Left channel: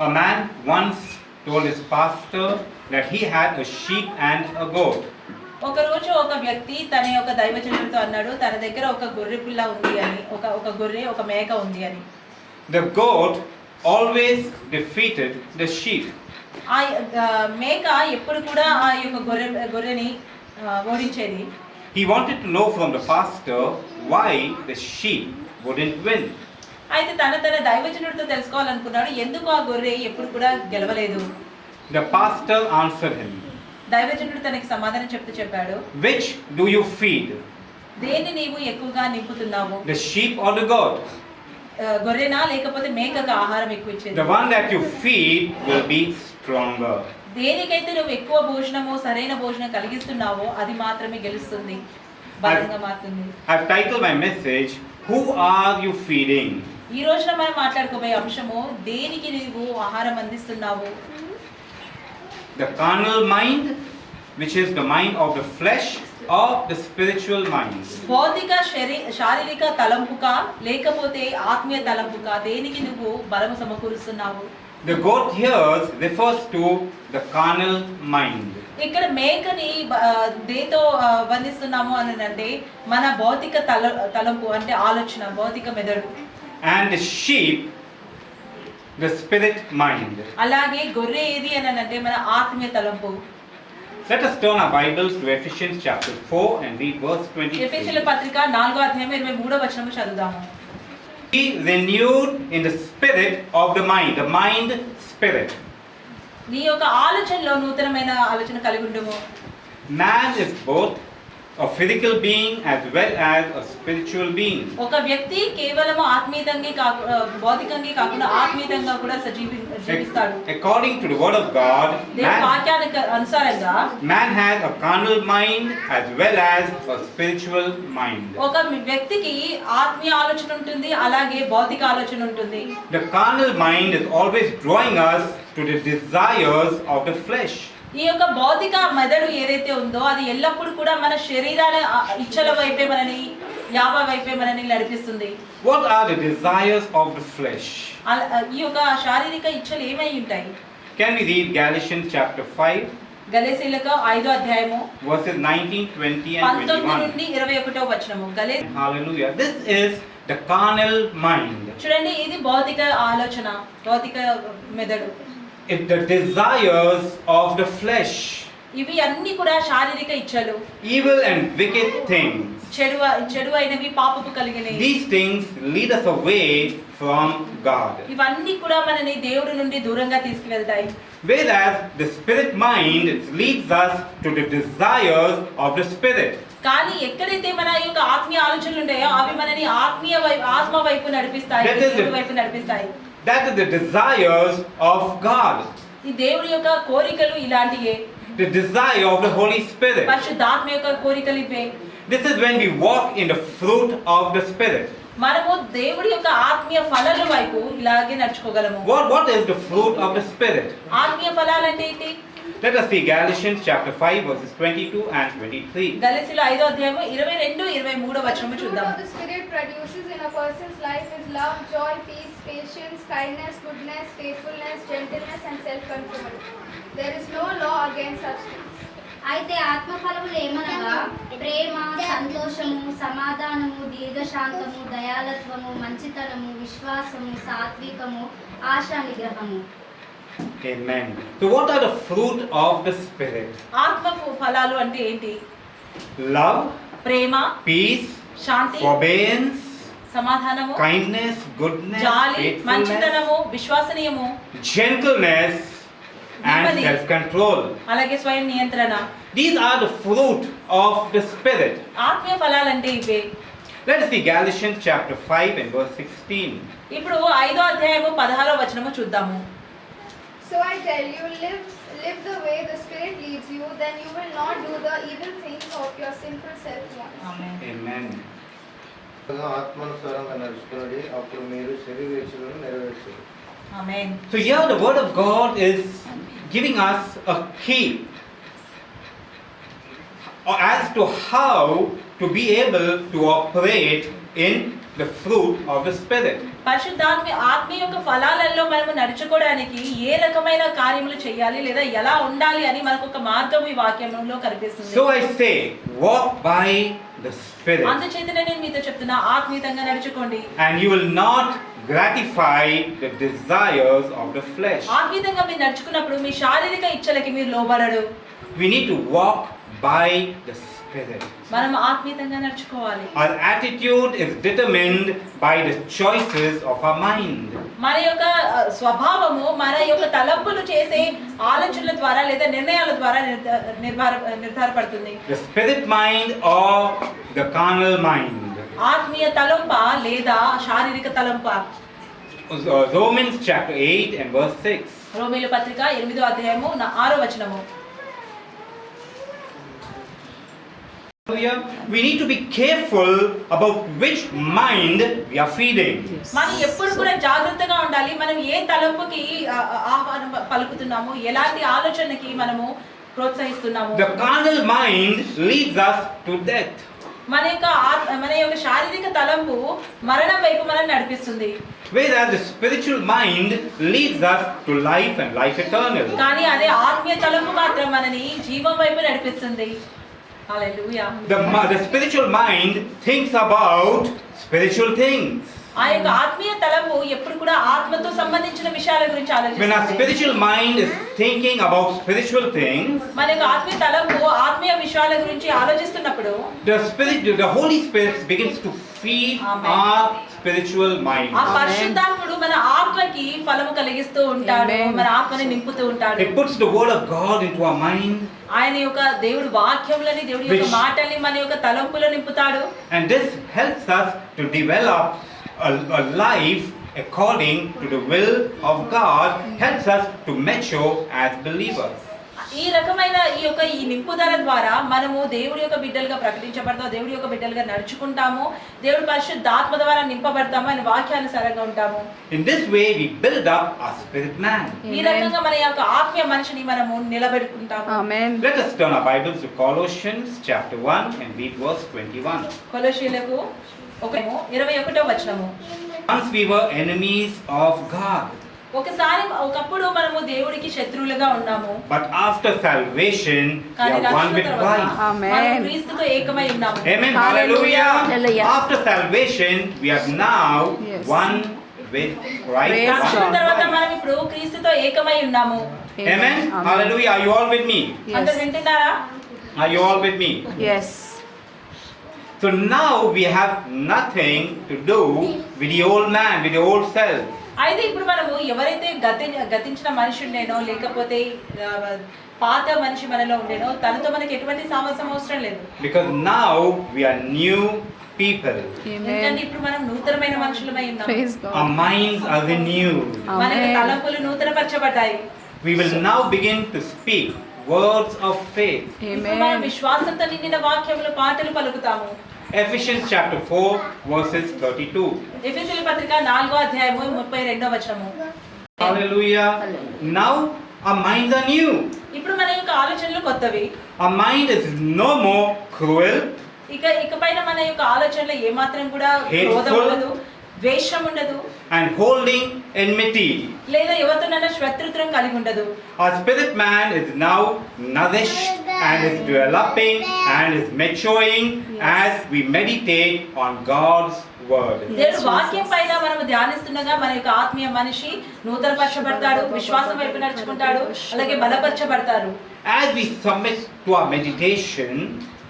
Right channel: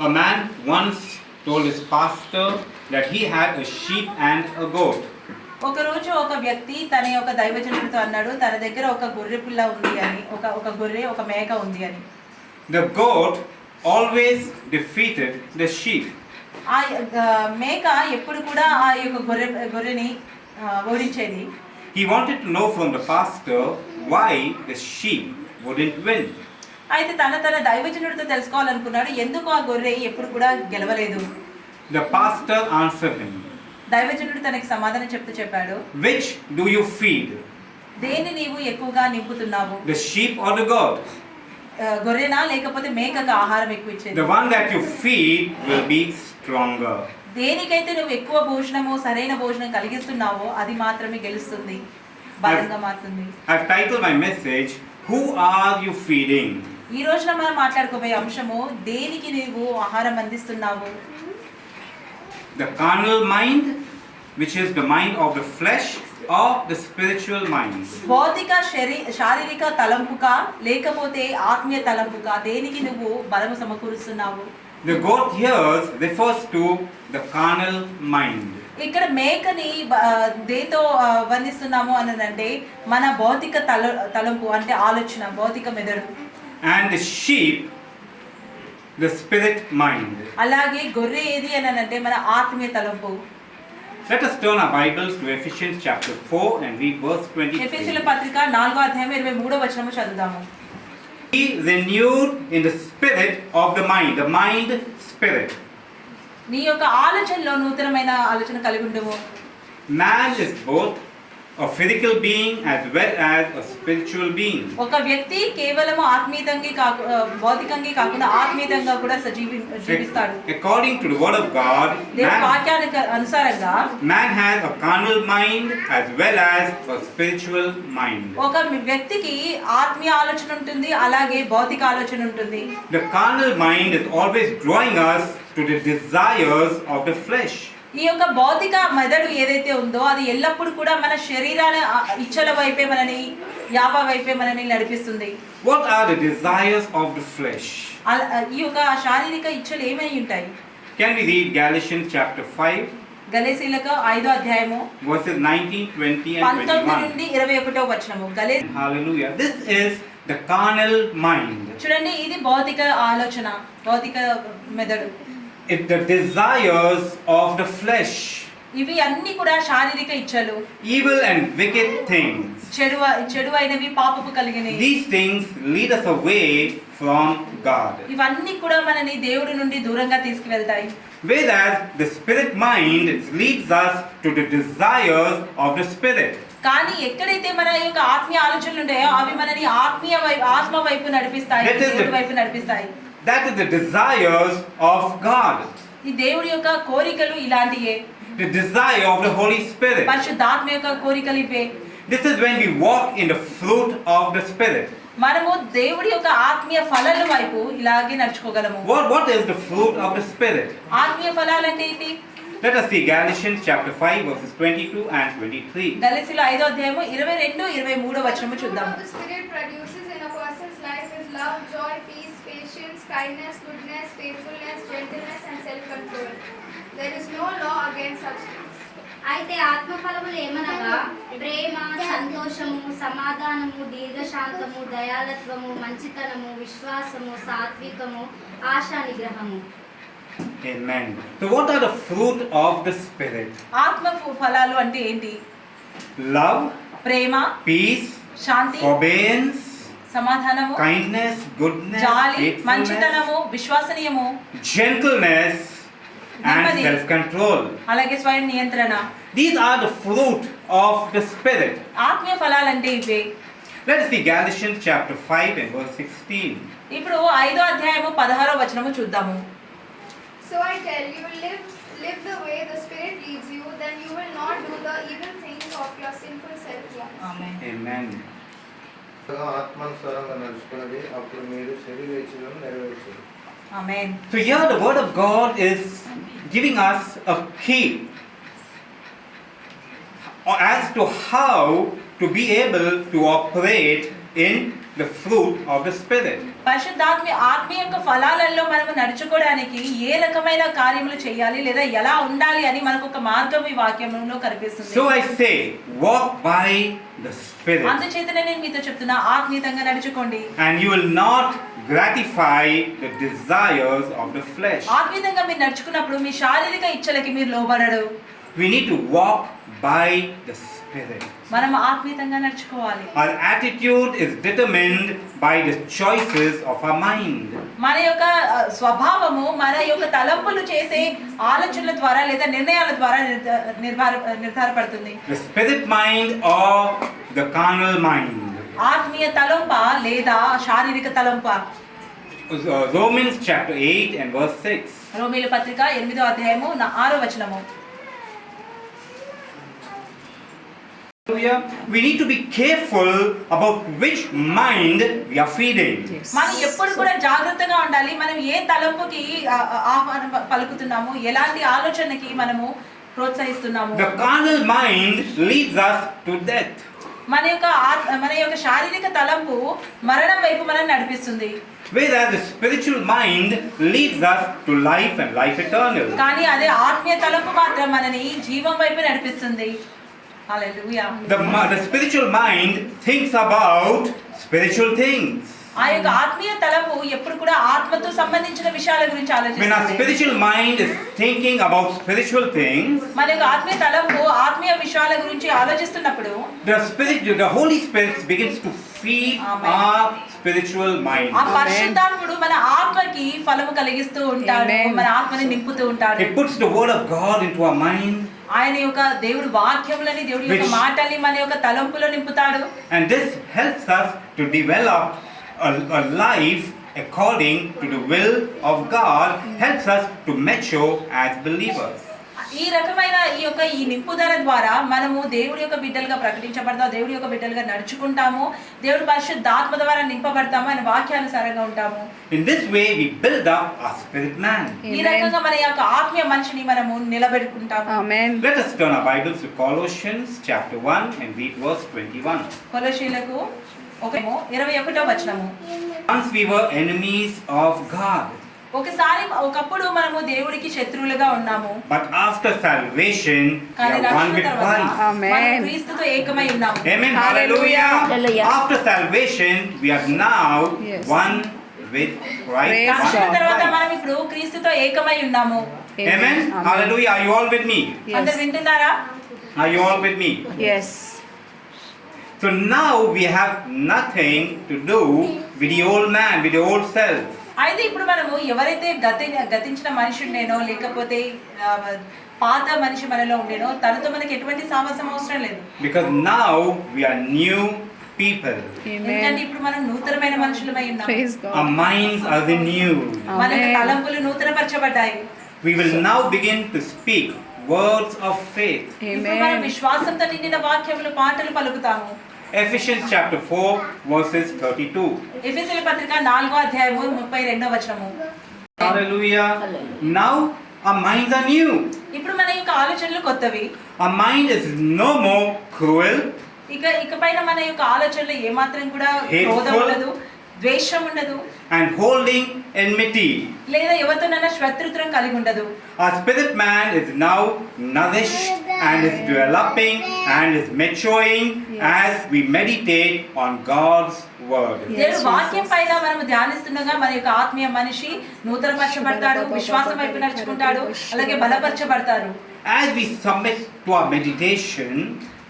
A man once told his pastor that he had a sheep and a goat. ఒకరోజు ఒక వ్యక్తి తన యొక్క దైవజనుడితో అన్నాడు, తన దగ్గర ఒక గొర్రె పిల్ల ఉంది అని, ఒక గొర్రె ఒక మేక ఉంది అని. The goat always defeated the sheep. ఆ మేక ఎప్పుడు కూడా ఆ యొక్క గొర్రెని ఓడించేది. He wanted to know from the pastor why the sheep wouldn't win. అయితే తన దైవజనుడితో తెలుసుకోవాలనుకున్నాడు, ఎందుకు ఆ గొర్రె ఎప్పుడు కూడా గెలవలేదు. The pastor answered him, దైవజనుడు తనకి సమాధానం చెప్పాడు, which do you feed? దేన్ని నీవు ఎక్కువగా నింపుతున్నావు? The sheep or the goat? గొర్రెనా లేకపోతే మేకగా ఆహారం ఎక్కువ ఇచ్చేది? The one that you feed will be stronger. దేనికైతే నువ్వు ఎక్కువ భోజనము సరైన భోజనం కలిగిస్తున్నావో అది మాత్రమే గెలుస్తుంది, బలంగా మారుతుంది. I've titled my message, Who are you feeding? ఈ రోజున మనం మాట్లాడుకోబోయే అంశము, దేనికి నీవు ఆహారం అందిస్తున్నావు? The carnal mind, which is the mind of the flesh, or the spiritual mind? భౌతిక శారీరక తలంపుకా లేకపోతే ఆత్మీయ తలంపుకా, దేనికి నువ్వు బలము సమకూరుస్తున్నావు? The goat here refers to the carnal mind. ఇక్కడ మేకని దేతో బంధిస్తున్నాము అని అంటే మన భౌతిక తలంపు అంటే ఆలోచన, భౌతిక మెదడు. And the sheep, the spirit mind. అలాగే గొర్రె ఏది అని అంటే మన ఆత్మీయ తలంపు. Let us turn our Bibles to Ephesians chapter 4 and read verse 23. ఎఫెసీయుల పత్రిక 4వ అధ్యాయం 23వ వచనము చదువుదాము. Be renewed in the spirit of the mind spirit. నీ యొక్క ఆలోచనలో నూతనమైన ఆలోచన కలిగి ఉండుము. Man is both a physical being as well as a spiritual being. ఒక వ్యక్తి కేవలం భౌతికంగా కాకుండా ఆత్మీయంగా కూడా జీవిస్తాడు. According to the word of God, దేవుని వాక్యానికి అనుసారంగా man has a carnal mind as well as a spiritual mind. ఒక వ్యక్తికి ఆత్మీయ ఆలోచన ఉంటుంది, అలాగే భౌతిక ఆలోచన ఉంటుంది. The carnal mind is always drawing us to the desires of the flesh. ఈ యొక్క భౌతిక మెదడు ఏదైతే ఉందో అది ఎల్లప్పుడూ కూడా మన శరీరాల ఇచ్చల వైపే మనని నడిపిస్తుంది. What are the desires of the flesh? ఈ యొక్క శారీరక ఇచ్చలు ఏమై ఉంటాయి? Can we read Galatians chapter 5? గలతీయులకు 5వ అధ్యాయము verses 19, 20 and 19 21. నుండి 21వ వచనము. Hallelujah. This is the carnal mind. చూడండి, ఇది భౌతిక ఆలోచన, భౌతిక మెదడు. It's the desires of the flesh. ఇవి అన్ని కూడా శారీరక ఇచ్చలు, Evil and wicked things. చెడు అయినవి, పాపపు కలిగినవి. These things lead us away from God. ఇవన్నీ కూడా మనని దేవుడి నుండి దూరంగా తీసుకువెళ్తాయి. Whereas the spirit mind leads us to the desires of the spirit. కానీ ఎక్కడైతే మన యొక్క ఆత్మీయ ఆలోచనలు ఉంటాయో అవి మనని ఆత్మ వైపు నడిపిస్తాయి, దేవుడి వైపు నడిపిస్తాయి. That is the desires of God. ఈ దేవుడి యొక్క కోరికలు ఇలాంటియే. The desire of the Holy Spirit. పరిశుద్ధాత్మ యొక్క కోరికలు ఇవే. This is when we walk in the fruit of the Spirit. మనము దేవుడి యొక్క ఆత్మీయ ఫలాల వైపు ఇలాగే నడుచుకోగలము. What is the fruit of the Spirit? ఆత్మీయ ఫలాలు అంటే ఏంటి? Let us see Galatians chapter 5 verses 22 and 23. గలతీయుల 5వ అధ్యాయము 22, 23 వచనము చూద్దాం. The Spirit produces in a person's life is love, joy, peace, patience, kindness, goodness, faithfulness, gentleness and self-control. There is no law against such things. అయితే ఆత్మఫలములు ఏమనగా ప్రేమ, సంతోషము, సమాధానము, దీర్ఘశాంతము, దయాళత్వము, మంచితనము, విశ్వాసము, సాత్వికము, ఆశా నిగ్రహము. Amen. So what are the fruit of the Spirit? ఆత్మ ఫలాలు అంటే ఏంటి? Love, ప్రేమ, peace, శాంతి, forbearance, సమాధానము, kindness, goodness, జాలి, faithfulness, మంచితనము, విశ్వసనీయము, gentleness and నెమ్మది, self-control. అలాగే స్వయం నియంత్రణ. These are the fruit of the Spirit. ఆత్మీయ ఫలాలు అంటే ఇవే. Let us see Galatians chapter 5 and verse 16. ఇప్పుడు 5వ అధ్యాయము 16వ వచనము చూద్దాము. So I tell you, live the way the Spirit leads you, then you will not do the evil things of your sinful self wants. Amen. Amen. ఆత్మానుసారంగా నడుచుకున్నది అప్పుడు మీరు శరీరేచ్ఛలను నెరవేర్చరు. ఆమేన్. So here the word of God is giving us a key as to how to be able to operate in the fruit of the Spirit. పరిశుద్ధాత్మ ఆత్మ యొక్క ఫలాలలో మనము నడుచుకోవడానికి ఏ రకమైన కార్యములు చేయాలి లేదా ఎలా ఉండాలి అని మనకు ఒక మార్గం ఈ వాక్యంలో కనిపిస్తుంది. So I say, walk by the Spirit, అందుచేతనే నేను మీతో చెప్తున్నా, ఆత్మీయంగా నడుచుకోండి. and you will not gratify the desires of the flesh. ఆత్మీయంగా మీరు నడుచుకున్నప్పుడు మీ శారీరక ఇచ్చలకి మీరు లోబడరు. We need to walk by the Spirit. మనం ఆత్మీయంగా నడుచుకోవాలి. Our attitude is determined by the choices of our mind. మన యొక్క స్వభావము మన యొక్క తలంపులు చేసే ఆలోచనల ద్వారా లేదా నిర్ణయాల ద్వారా నిర్ధారపడుతుంది. The spirit mind or the carnal mind. ఆత్మీయ తలంప లేదా శారీరక తలంప. Romans chapter 8 and verse 6. రోమీయుల పత్రిక 8వ అధ్యాయము 6వ వచనము. We need to be careful about which mind we are feeding. మనం ఎప్పుడు కూడా జాగ్రత్తగా ఉండాలి. మనం ఏ తలంపుకి ఆహ్వానం పలుకుతున్నాము, ఎలాంటి ఆలోచనకి మనము ప్రోత్సహిస్తున్నాము. The carnal mind leads us to death. మన యొక్క శారీరక తలంపు మరణం వైపు మనం నడిపిస్తుంది. Whereas the spiritual mind leads us to life and life eternal. కానీ అదే ఆత్మీయ తలంపు మాత్రం మనని జీవం వైపు నడిపిస్తుంది. హల్లెలూయా. The spiritual mind thinks about spiritual things. ఆ యొక్క ఆత్మీయ తలంపు ఎప్పుడు కూడా ఆత్మతో సంబంధించిన విషయాల గురించి When our ఆలోచిస్తుంది. spiritual mind is thinking about spiritual things, మన యొక్క ఆత్మీయ తలంపు ఆత్మీయ విషయాల గురించి ఆలోచిస్తున్నప్పుడు the Holy Spirit begins to feed Amen. our spiritual mind. ఆ పరిశుద్ధాత్ముడు మన ఆత్మకి ఫలము కలిగిస్తూ ఉంటాడు. Amen. మన ఆత్మని నింపుతూ ఉంటాడు. It puts the word of God into our mind, ఆయన యొక్క దేవుడు వాక్యములని దేవుడి యొక్క Which- మాటల్ని మన యొక్క తలంపులో నింపుతాడు. and this helps us to develop a life according to the will of God, helps us to mature as believers. ఈ రకమైన ఈ నింపుదల ద్వారా మనము దేవుడి యొక్క బిడ్డలుగా ప్రకటించబడతాము, దేవుడి యొక్క బిడ్డలుగా నడుచుకుంటాము, దేవుడి పరిశుద్ధాత్మ ద్వారా నింపబడతాము, ఆయన వాక్యానుసారంగా ఉంటాము. In this way we build up our spirit man. ఈ రకంగా మన యొక్క ఆత్మీయ మనిషిని మనము నిలబెట్టుకుంటాము. Amen. Let us turn our Bibles to Colossians chapter 1 and read verse 21. కొలొస్సీయులకు 21వ వచనము. Once we were enemies of God, ఒకప్పుడు మనము దేవుడికి శత్రువులుగా ఉన్నాము. but after salvation we కానీ are one రక్షణ with తర్వాత Christ. Amen. మనం క్రీస్తుతో ఏకమై ఉన్నాము. Amen. Hallelujah. Hallelujah. After salvation we are now Yes. one with Christ. Praise One రక్షణ God. with తర్వాత Christ. మనం ఇప్పుడు క్రీస్తుతో ఏకమై ఉన్నాము. Amen. Hallelujah. Are you all with me? అందరు వింటున్నారా? Are you all with me? Yes. So now we have nothing to do with the old man, with the old self. అయితే ఇప్పుడు మనము ఎవరైతే గతించిన మనిషి ఉండేనో లేకపోతే పాత మనిషి మనలో ఉండేనో తనతో మనకి ఎటువంటి సావాసం అవసరం లేదు. Because now we are new people. ఎందుకంటే Amen. ఇప్పుడు మనం నూతనమైన మనుషులమై ఉన్నాము. Praise God. Our minds are renewed. మన యొక్క Amen. తలంపులు నూతనపరచబడ్డాయి. We will now begin to speak words of faith. ఇప్పుడు మనం Amen. విశ్వాసంతో నిండిన వాక్యములు పాటలు పలుకుతాము. Ephesians chapter 4 verses 32. ఎఫెసీయుల పత్రిక 4వ అధ్యాయము 32వ వచనము. Hallelujah. Now our minds are new. ఇప్పుడు మన యొక్క ఆలోచనలు కొత్తవి. Our mind is no more cruel, ఇకపైన మన యొక్క ఆలోచనలు ఏమాత్రం కూడా Hateful. క్రోధం ఉండదు, ద్వేషం ఉండదు, and holding enmity. లేదా ఎవరితోనైనా శత్రుత్వం కలిగి ఉండదు. Our spirit man is now nourished and is developing and is maturing as we meditate on God's word. దేవుడు వాక్యం పైన మనం ధ్యానిస్తుండగా మన యొక్క ఆత్మీయ మనిషి నూతనపరచబడతాడు, విశ్వాసం వైపు నడుచుకుంటాడు, అలాగే బలపరచబడతారు. As we submit to our meditation,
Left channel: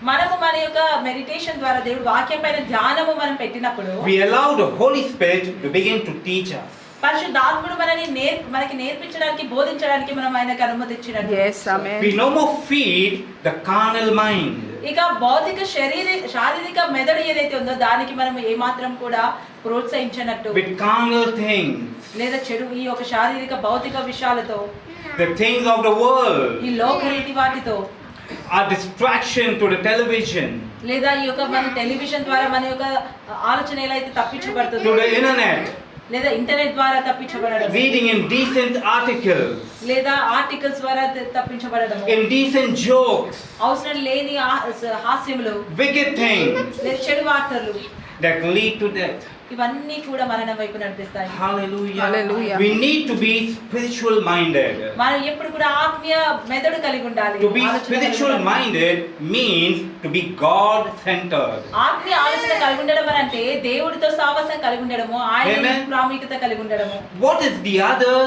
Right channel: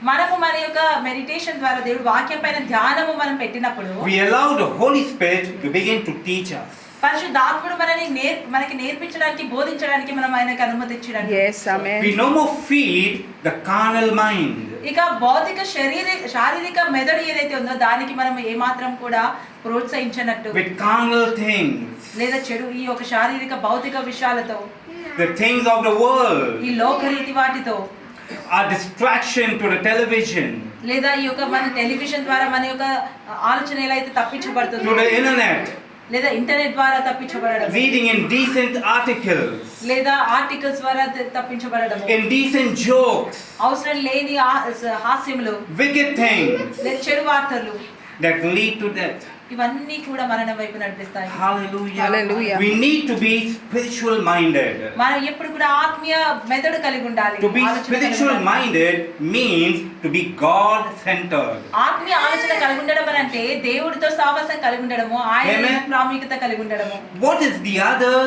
మనము మన యొక్క మెడిటేషన్ ద్వారా దేవుడు వాక్యం పైన ధ్యానము మనం పెట్టినప్పుడు we allow the Holy Spirit to begin to teach us. పరిశుద్ధాత్ముడు మనకి నేర్పించడానికి బోధించడానికి మనం ఆయనకు అనుమతి ఇచ్చినట్టు. Yes. Amen. We no more feed the carnal mind. ఇక భౌతిక శారీరక మెదడు ఏదైతే ఉందో దానికి మనం ఏమాత్రం కూడా ప్రోత్సహించినట్టు With carnal things, లేదా చెడు ఈ యొక్క శారీరక భౌతిక విషయాలతో the things of the world, ఈ లోకరీతి వాటితో our distraction to the television, లేదా ఈ యొక్క మన టెలివిజన్ ద్వారా మన యొక్క ఆలోచన ఎలా అయితే to తప్పించబడుతుందో the internet, లేదా ఇంటర్నెట్ ద్వారా తప్పించబడడం, reading indecent articles, లేదా ఆర్టికల్స్ ద్వారా తప్పించబడడం, indecent jokes, అవసరం లేని హాస్యములు, wicked things లేదా చెడు వార్తలు that lead to death. ఇవన్నీ కూడా మరణం వైపు నడిపిస్తాయి. Hallelujah. Hallelujah. We need to be spiritual minded. మనం ఎప్పుడు కూడా ఆత్మీయ మెదడు కలిగి ఉండాలి. To be ఆలోచన కలిగి spiritual ఉండాలి. minded means to be God centered. ఆత్మీయ ఆలోచన కలిగి ఉండడం అని అంటే దేవుడితో సావాసం కలిగి ఉండడము, ఆయన Amen. ప్రాముఖ్యత కలిగి ఉండడము. What is the other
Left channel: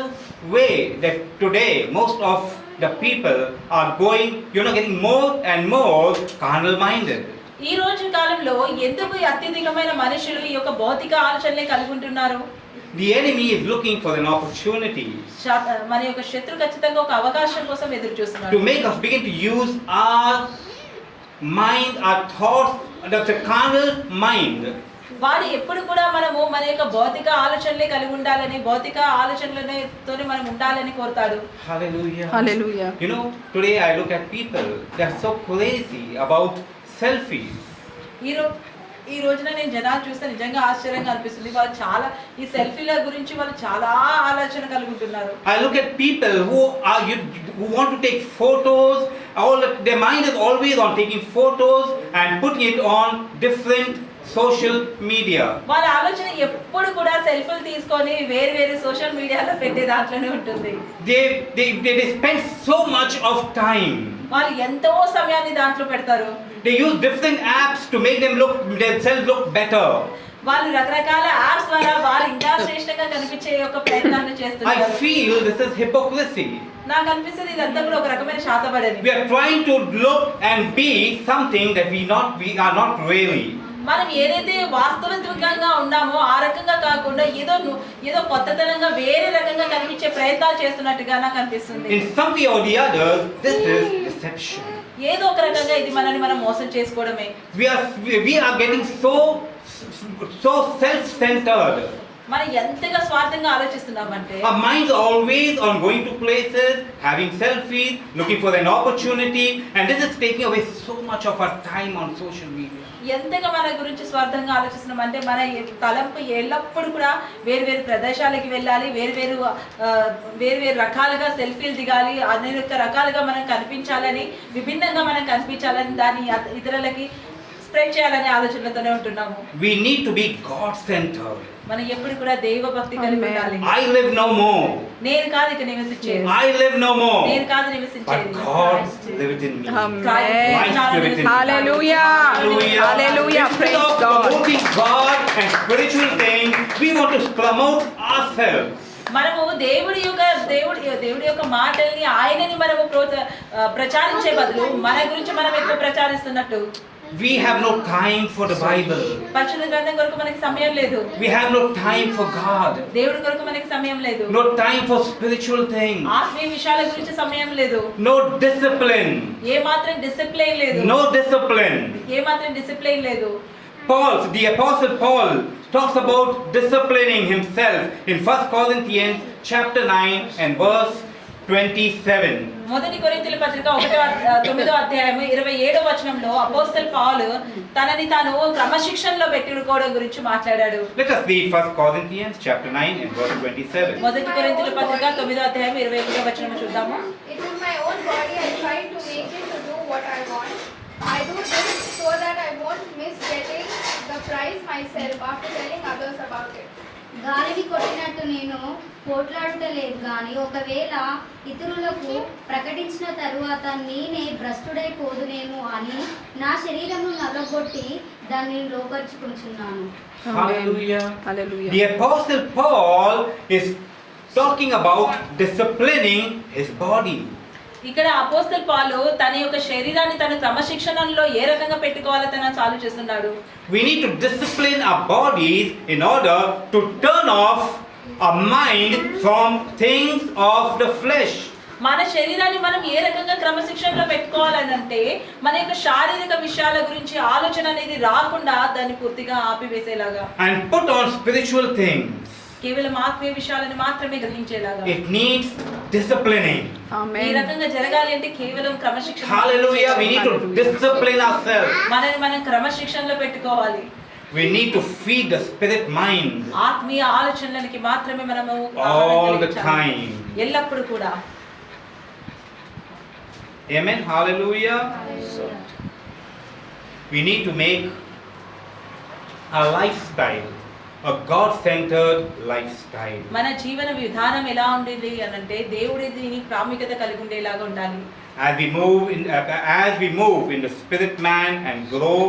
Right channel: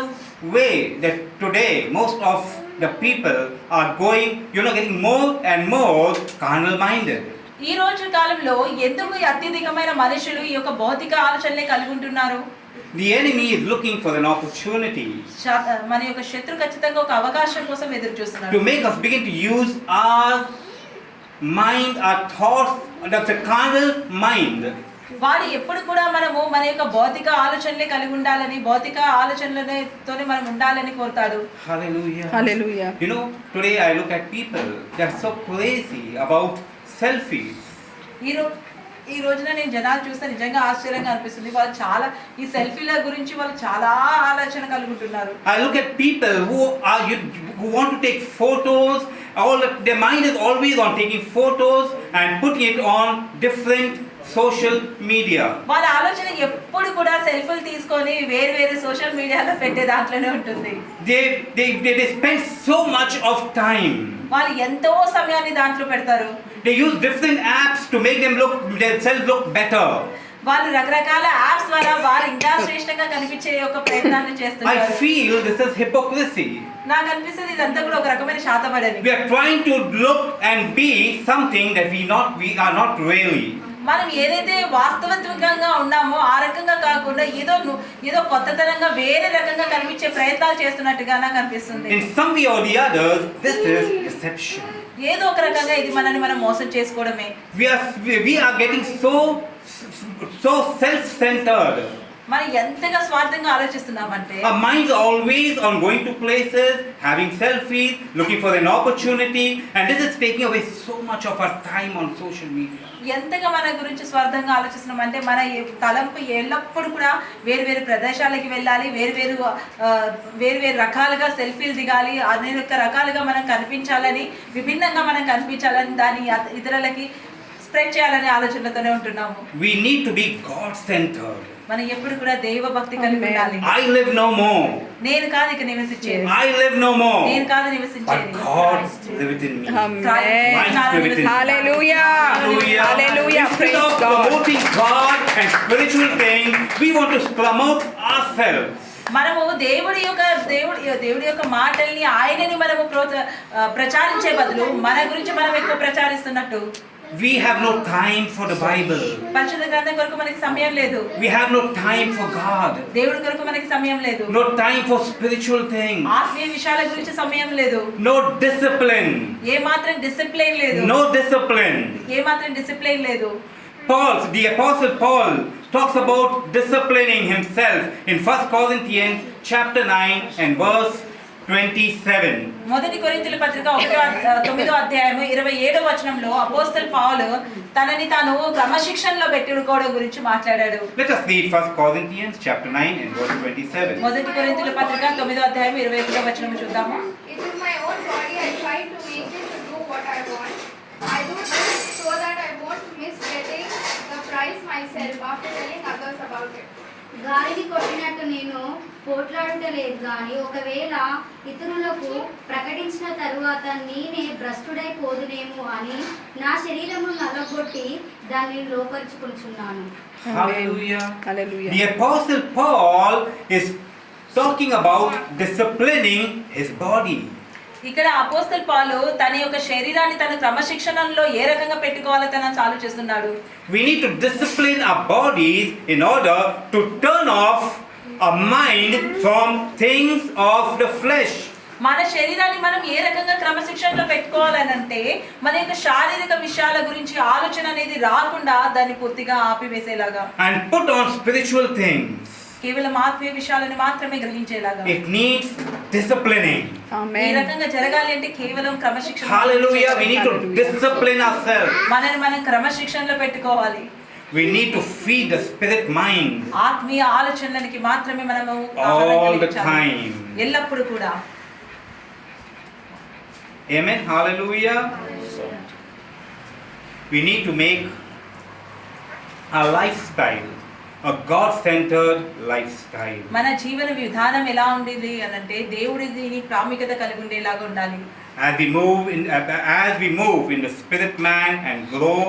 way that today most of the people are going, getting more and more carnal minded? ఈ రోజు కాలంలో ఎందుకు అత్యధికమైన మనుషులు ఈ యొక్క భౌతిక ఆలోచనలే కలిగి ఉంటున్నారు? The enemy is looking for an opportunity మన యొక్క శత్రు ఖచ్చితంగా ఒక అవకాశం కోసం ఎదురు చూస్తున్నారు. to make us begin to use our mind, our thoughts, that's a carnal mind. వాడు ఎప్పుడు కూడా మనము మన యొక్క భౌతిక ఆలోచనలే కలిగి ఉండాలని, భౌతిక ఆలోచనలతోనే మనం ఉండాలని కోరుతాడు. Hallelujah. Hallelujah. Today I look at people, they're so crazy about selfies. ఈ రోజున నేను జనాలు చూస్తే నిజంగా ఆశ్చర్యంగా అనిపిస్తుంది. వాళ్ళు చాలా ఈ సెల్ఫీల గురించి వాళ్ళు చాలా ఆలోచన కలిగి ఉంటున్నారు. I look at people who want to take photos. Their mind is always on taking photos and putting it on different social media. వాళ్ళ ఆలోచన ఎప్పుడు కూడా సెల్ఫీలు తీసుకొని వేరు వేరు సోషల్ మీడియాలో పెట్టే దాంట్లోనే ఉంటుంది. They spend so much of time. వాళ్ళు ఎంతో సమయాన్ని దాంట్లో పెడతారు. They use different apps to make themselves look better. వాళ్ళు రకరకాల యాప్స్ ద్వారా వారు ఇంకా శ్రేష్టంగా కనిపించే ఒక ప్రయత్నాన్ని I చేస్తున్నారు. feel this is hypocrisy. నాకు అనిపిస్తుంది ఇదంతా కూడా ఒక రకమైన శాతపడని. We are trying to look and be something that we are not really. మనం ఏదైతే వాస్తవికంగా ఉన్నామో ఆ రకంగా కాకుండా ఏదో కొత్తతనంగా వేరే రకంగా కనిపించే ప్రయత్నాలు చేస్తున్నట్టుగా నాకు అనిపిస్తుంది. In some way or the other, this is deception. ఏదో ఒక రకంగా ఇది మనల్ని మనం మోసం చేసుకోవడమే. We are getting so self-centered. మనం ఎంతగా స్వార్థంగా ఆలోచిస్తున్నామంటే Our minds are always on going to places, having selfies, looking for an opportunity, and this is taking away so much of our time on social media. ఎంతగా మన గురించి స్వార్థంగా ఆలోచిస్తున్నామంటే మన తలంపు ఎల్లప్పుడూ కూడా వేరు వేరు ప్రదేశాలకి వెళ్ళాలి, వేరు రకాలుగా సెల్ఫీలు దిగాలి, అనేక రకాలుగా మనం కనిపించాలని, విభిన్నంగా మనం కనిపించాలని, దాన్ని ఇతరులకి స్ప్రెడ్ చేయాలనే ఆలోచనలతోనే ఉంటున్నాము. We need to be God-centered. మనం ఎప్పుడు కూడా దైవ భక్తి కలిగి ఉండాలి. I live no more. నేను కాదు ఇక నివసించేది, I live no more. నేను కాదు నివసించేది, But God liveth in me. Amen. Christ liveth in me. Hallelujah. Hallelujah. Praise Instead of God. promoting God and spiritual things, we want to promote ourselves. మనము దేవుడి యొక్క మాటల్ని ఆయనని మనము ప్రచారించే బదులు మన గురించి మనం ఎక్కువ ప్రచారిస్తున్నట్టు. We have no time for the Bible. పరిశుద్ధ గ్రంథం కొరకు మనకి సమయం లేదు. We have no time for God. దేవుడి కొరకు మనకి సమయం లేదు. No time for spiritual things. ఆత్మీయ విషయాల గురించి సమయం లేదు. No discipline. ఏ మాత్రం డిసిప్లిన్ లేదు. No discipline. ఏ మాత్రం డిసిప్లిన్ లేదు. The Apostle Paul talks about disciplining himself in 1 Corinthians chapter 9 and verse 27. మొదటి కొరింథీయుల పత్రిక 9వ అధ్యాయము 27వ వచనంలో అపోస్తలు పౌలు తనని తాను క్రమశిక్షణలో పెట్టుకోవడం గురించి మాట్లాడాడు. Let us read 1 Corinthians chapter 9 and verse 27. మొదటి కొరింథీయుల పత్రిక 9వ అధ్యాయం 21వ వచనం చూద్దాము. It is my own body I try to make it to do what I want. I do this so that I won't miss getting the prize myself after telling others about it. గాలిని కొట్టినట్టు నేను పోట్లాడలేదు కానీ ఒకవేళ ఇతరులకు ప్రకటించిన తరువాత నేనే భ్రష్టుడైపోదునేమో అని నా శరీరమును నలగొట్టి దాన్ని లోపరుచుకుంటున్నాను. Hallelujah. Hallelujah. The Apostle Paul is talking about disciplining his body. ఇక్కడ అపోస్తలు పౌలు తన యొక్క శరీరాన్ని తన క్రమశిక్షణలో ఏ రకంగా పెట్టుకోవాలో తన చాలు చేస్తున్నాడు. We need to discipline our bodies in order to turn off our mind from things of the flesh. మన శరీరాన్ని మనం ఏ రకంగా క్రమశిక్షణలో పెట్టుకోవాలని అంటే మన యొక్క శారీరక విషయాల గురించి ఆలోచన అనేది రాకుండా దాన్ని పూర్తిగా ఆపివేసేలాగా, And put on spiritual things. కేవలం ఆత్మీయ విషయాలను మాత్రమే గ్రహించేలాగా. It needs disciplining. ఈ Amen. రకంగా జరగాలి అంటే కేవలం క్రమశిక్షణ. Hallelujah. We need to discipline ourselves. మనని మనం క్రమశిక్షణలో పెట్టుకోవాలి. We need to feed the spirit mind ఆత్మీయ ఆలోచనలకి మాత్రమే మనము all the time. ఎల్లప్పుడు కూడా. Amen. Hallelujah. We need to make our lifestyle a God-centered lifestyle. మన జీవన విధానం ఎలా ఉండేది అని అంటే దేవుడి దీని ప్రాముఖ్యత కలిగి ఉండేలాగా ఉండాలి. As we move in the spirit man and grow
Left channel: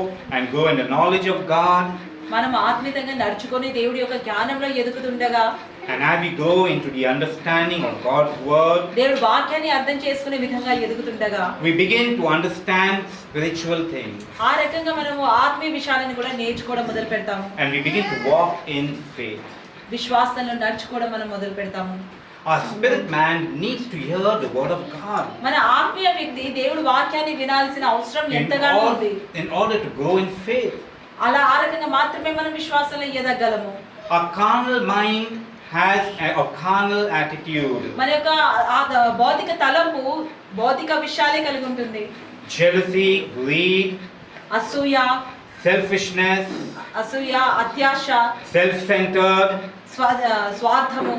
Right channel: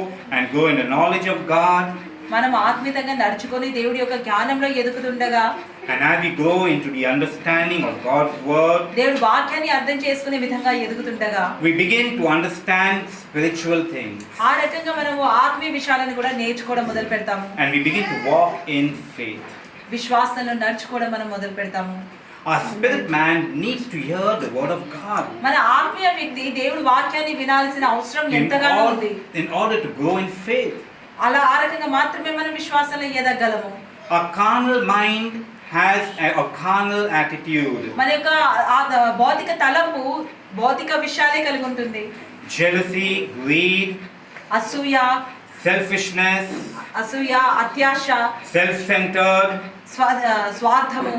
in the knowledge of God, మనం ఆత్మీయంగా నడుచుకొని దేవుడి యొక్క జ్ఞానంలో ఎదుగుతుండగా, and as we grow into the understanding of God's word, దేవుడి వాక్యాన్ని అర్థం చేసుకునే విధంగా ఎదుగుతుండగా, we begin to understand spiritual things, ఆ రకంగా మనము ఆత్మీయ విషయాలను కూడా నేర్చుకోవడం మొదలు పెడతాము. and we begin to walk in faith. విశ్వాసంలో నడుచుకోవడం మనం మొదలు పెడతాము. Our spirit man needs to hear the word of God మన ఆత్మీయ వ్యక్తి దేవుడి వాక్యాన్ని వినాల్సిన అవసరం ఎంతగానో ఉంది. in order to grow in faith. అలా ఆ రకంగా మాత్రమే మనం విశ్వాసంలో ఎదగలము. Our carnal mind has a carnal attitude. మన యొక్క భౌతిక తలంపు భౌతిక విషయాలే కలిగి ఉంటుంది. Jealousy, greed, అసూయ, selfishness, అత్యాశ, self-centered. స్వార్థము.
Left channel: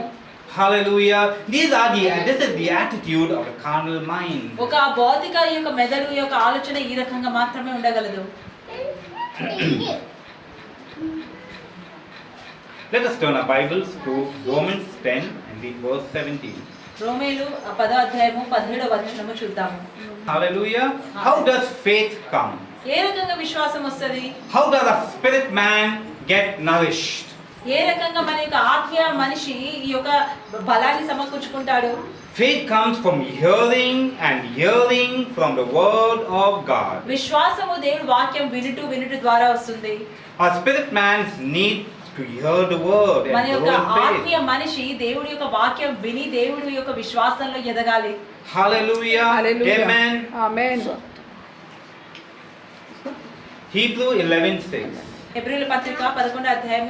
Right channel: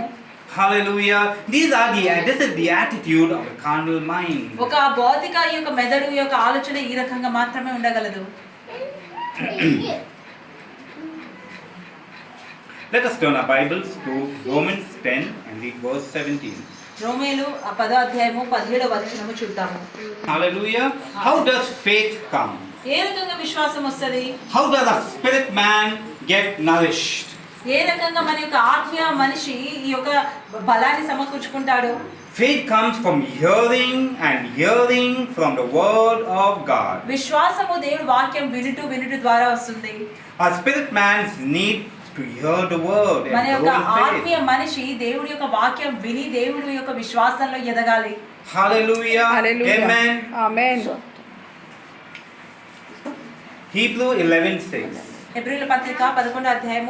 Hallelujah. This is the attitude of the carnal mind. ఒక భౌతిక ఈ యొక్క మెదడు యొక్క ఆలోచన ఈ రకంగా మాత్రమే ఉండగలదు. Let us turn our Bibles to Romans 10 and read verse 17. రోమేలు 10:17 చూద్దాము. Hallelujah. How does faith come? ఏ రకంగా విశ్వాసం వస్తది? How does a spirit man get nourished? ఏ రకంగా మన యొక్క ఆత్మీయ మనిషి ఈ యొక్క బలాన్ని సమకూర్చుకుంటాడు? Faith comes from hearing and hearing from the word of God. విశ్వాసము దేవుడి వాక్యం వినుట ద్వారా వస్తుంది. Our spirit man needs to hear the word మన and యొక్క grow in faith. ఆత్మీయ మనిషి దేవుడి యొక్క వాక్యం విని దేవుడి యొక్క విశ్వాసంలో ఎదగాలి. Hallelujah. Hallelujah. Amen. Amen. Hebrew 11:6. హెబ్రీయుల పత్రిక 11:6.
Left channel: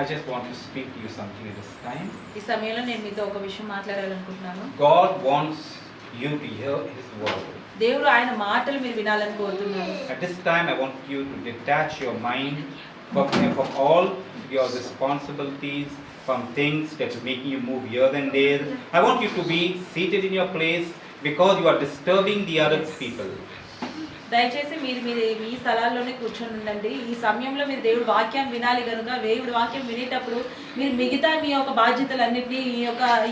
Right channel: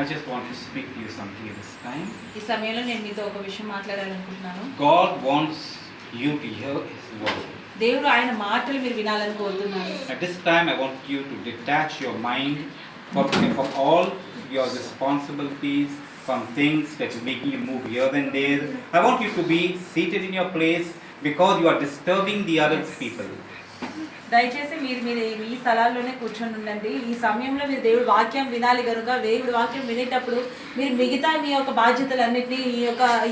I just want to speak to you something this time. ఈ సమయంలో నేను మీతో ఒక విషయం మాట్లాడాలనుకుంటున్నాను. God wants you to hear His word. దేవుడు ఆయన మాటలు మీరు వినాలని కోరుతున్నారు. At this time, I want you to detach your mind from all your responsibilities, from things that are making you move here and there. I want you to be seated in your place because you are disturbing the other people. దయచేసి మీరు మీ స్థలాల్లోనే కూర్చొని ఉండండి. ఈ సమయంలో మీరు దేవుడి వాక్యం వినాలి కనుక దేవుడి వాక్యం వినేటప్పుడు మీరు మిగతా మీ యొక్క బాధ్యతలన్నింటినీ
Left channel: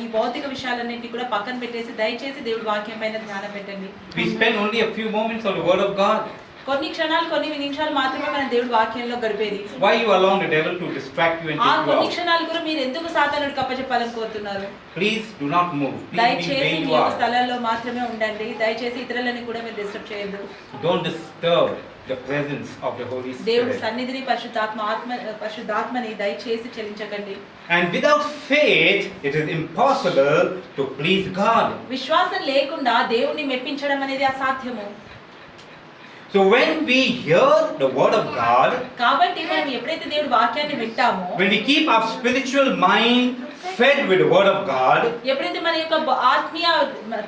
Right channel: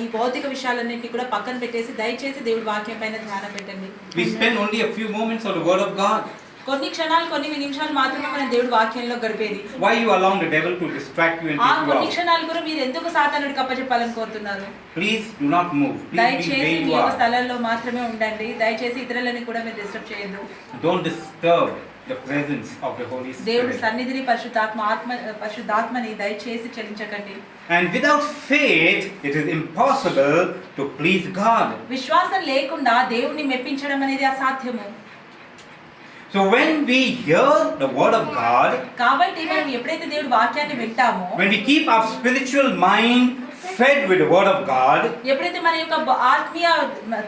ఈ భౌతిక విషయాలన్నింటినీ కూడా పక్కన పెట్టేసి దయచేసి దేవుడి వాక్యం పైన ధ్యానం పెట్టండి. We spend only a few moments on the word of God. కొన్ని నిమిషాలు మాత్రమే మనం దేవుడి వాక్యంలో గడిపేది. Why you allowing the devil to distract you and ఆ take you కొన్ని out? క్షణాలు కూడా మీరు ఎందుకు సాతానుడికి అప్పచెప్పాలని కోరుతున్నారు? Please do not move. Please be దయచేసి where మీ you యొక్క are. స్థలాల్లో మాత్రమే ఉండండి. దయచేసి ఇతరులని కూడా మీరు డిస్టర్బ్ చేయొద్దు. Don't disturb the presence of the Holy దేవుడి Spirit. సన్నిధిని పరిశుద్ధాత్మని దయచేసి చెల్లించకండి. And without faith, it is impossible to please God. విశ్వాసం లేకుండా దేవుణ్ణి మెప్పించడం అనేది అసాధ్యము. So when we hear the word of God, కాబట్టి మనం ఎప్పుడైతే దేవుడి వాక్యాన్ని వింటామో, when we keep our spiritual mind fed with the word of God, ఎప్పుడైతే మన యొక్క ఆత్మీయ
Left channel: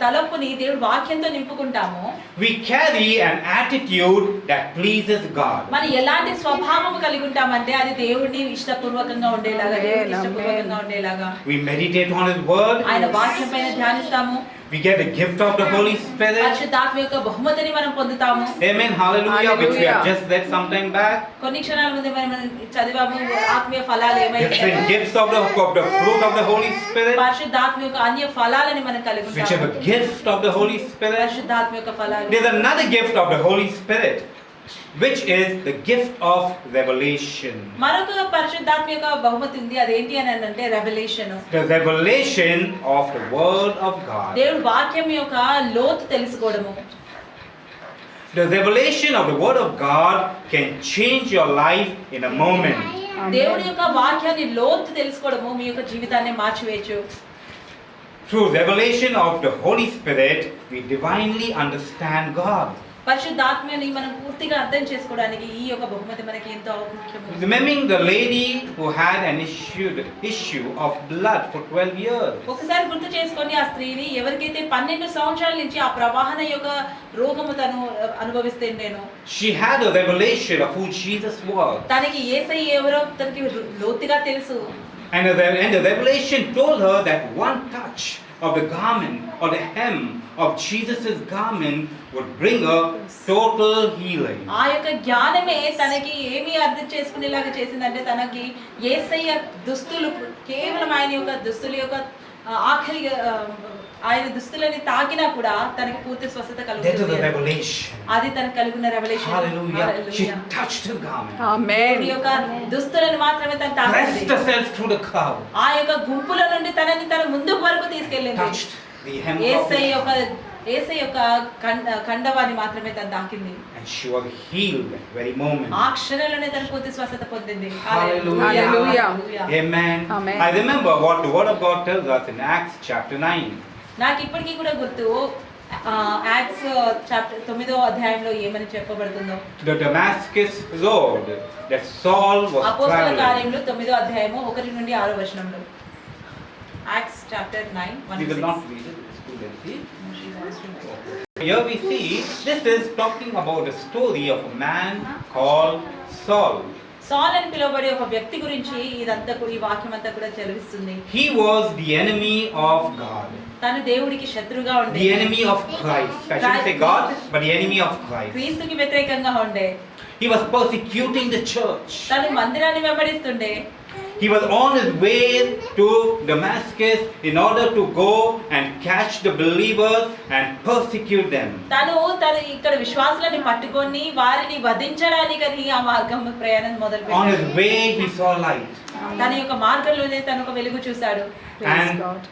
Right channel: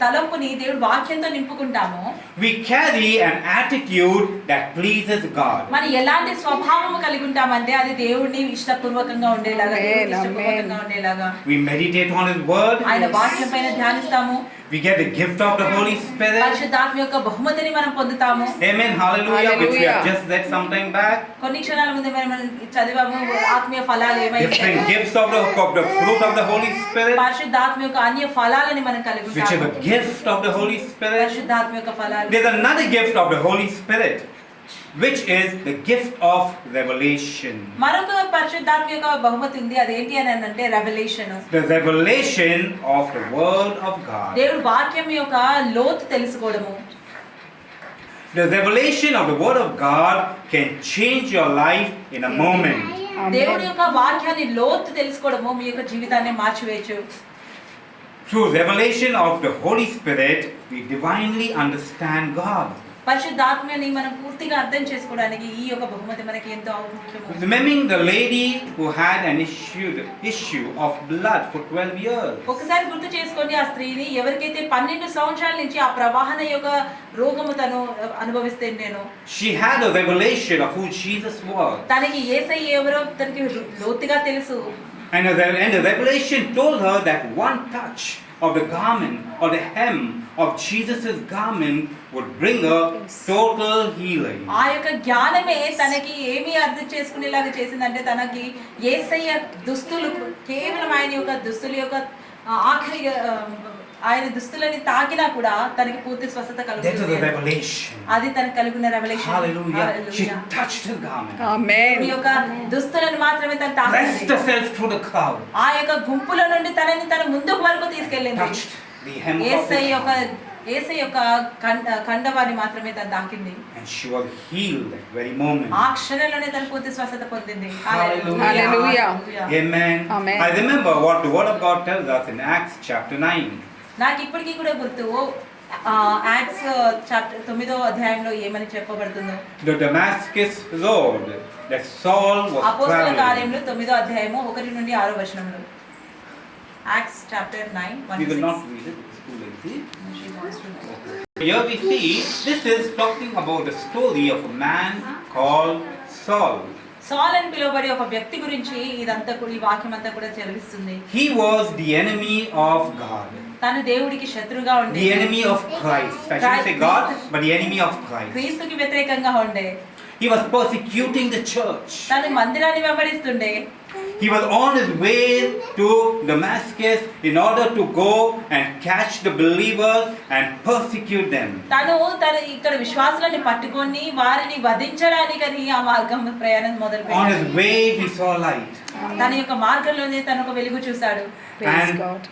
తలంపుని దేవుడి వాక్యంతో నింపుకుంటామో, we carry an attitude that pleases God. మనం ఎలాంటి స్వభావం కలిగి ఉంటామంటే అది దేవుడిని ఇష్టపూర్వకంగా ఉండేలాగా, దేవుడిని ఇష్టపూర్వకంగా ఉండేలాగా. We meditate on His word. ఆయన వాక్యం పైన ధ్యానిస్తాము. We get the gift of the Holy Spirit. పరిశుద్ధాత్మ యొక్క బహుమతిని మనం పొందుతాము. Amen. Hallelujah. Which we have Hallelujah. just read some time back. కొన్ని క్షణాల ముందే మనం చదివాము ఆత్మీయ ఫలాలు ఏమైతే Different gifts of the fruit of the Holy Spirit. పరిశుద్ధాత్మ యొక్క అన్య ఫలాలని మనం కలిగి Which is ఉంటాము. a gift of the Holy Spirit. పరిశుద్ధాత్మ యొక్క ఫలాలు. There's another gift of the Holy Spirit, which is the gift of revelation. మరొక పరిశుద్ధాత్మ యొక్క బహుమతి ఉంది. అదేంటి అని అంటే revolution. The revelation of the word of God. దేవుడి వాక్యం యొక్క లోతు తెలుసుకోవడము. The revelation of the word of God can change your life in a moment. దేవుడి యొక్క వాక్యాన్ని లోతు తెలుసుకోవడము మీ యొక్క జీవితాన్ని మార్చివేయచ్చు. Through revelation of the Holy Spirit, we divinely understand God. పరిశుద్ధాత్మని మనం పూర్తిగా అర్థం చేసుకోవడానికి ఈ యొక్క బహుమతి మనకి ఎంతో ముఖ్యము. Remembering the lady who had an issue of blood for 12 years. ఒకసారి గుర్తు చేసుకొని ఆ స్త్రీని ఎవరికైతే 12 సంవత్సరాల నుంచి ఆ ప్రవాహన యొక్క రోగము తను అనుభవిస్తే నేను. She had a revelation of who Jesus was. తనకి యేసయ్య ఎవరో తనకి లోతుగా తెలుసు. And the revelation told her that one touch of the garment or the hem of Jesus' garment would bring a total healing. ఆ యొక్క జ్ఞానమే తనకి ఏమి అర్థం చేసుకునేలాగా చేసిందంటే తనకి యేసయ్య దుస్తులు కేవలం ఆయన యొక్క దుస్తుల యొక్క ఆఖరి ఆయన దుస్తులని తాకినా కూడా తనకి పూర్తి స్వస్థత That was కలుగుతుంది. the revelation. అది తనకు కలుగున్న revolution. Hallelujah. She touched her garment. ఈ Amen. యొక్క దుస్తులను మాత్రమే తను Pressed తాకింది. herself through the crowd. ఆ యొక్క గుంపుల నుండి తనని తన ముందుకు వరకు తీసుకెళ్ళింది. Touched the hem of Yesayya it. యొక్క యేసయ్య యొక్క కండవాన్ని మాత్రమే తను తాకింది. And she was healed that very moment. ఆ క్షణంలోనే తన పూర్తి స్వస్థత పొందింది. Hallelujah. Hallelujah. Amen. Amen. I remember what the word of God tells us in Acts chapter 9. నాకు ఇప్పటికీ కూడా గుర్తు యాక్ట్స్ చాప్టర్ 9వ అధ్యాయంలో ఏమని చెప్పబడుతుందో. The Damascus road that Saul was అపోస్తల traveling. కార్యములు 9వ అధ్యాయము 1 నుండి 6వ వచనంలో. Acts chapter 9 You will 1 not read it, it's too lengthy. She wants to know. Here we see, this is talking about the story of a man called Saul. సాల్ అని పిలువబడే ఒక వ్యక్తి గురించి ఇదంతా ఈ వాక్యం అంతా కూడా చదివిస్తుంది. He was the enemy of God. తను దేవుడికి శత్రుగా ఉండే. The enemy of Christ. I shouldn't say God, but the enemy of Christ. క్రీస్తుకి వ్యతిరేకంగా ఉండే. He was persecuting the church. తను మందిరాన్ని వెంబడిస్తుండే. He was on his way to Damascus in order to go and catch the believers and persecute them. తను ఇక్కడ విశ్వాసులని పట్టుకొని వారిని వధించడానికని ఆ మార్గం ప్రయాణం On మొదలుపెట్టాడు. his way he saw light. తన యొక్క మార్గంలోనే తను ఒక వెలుగు చూశాడు. Praise And- God.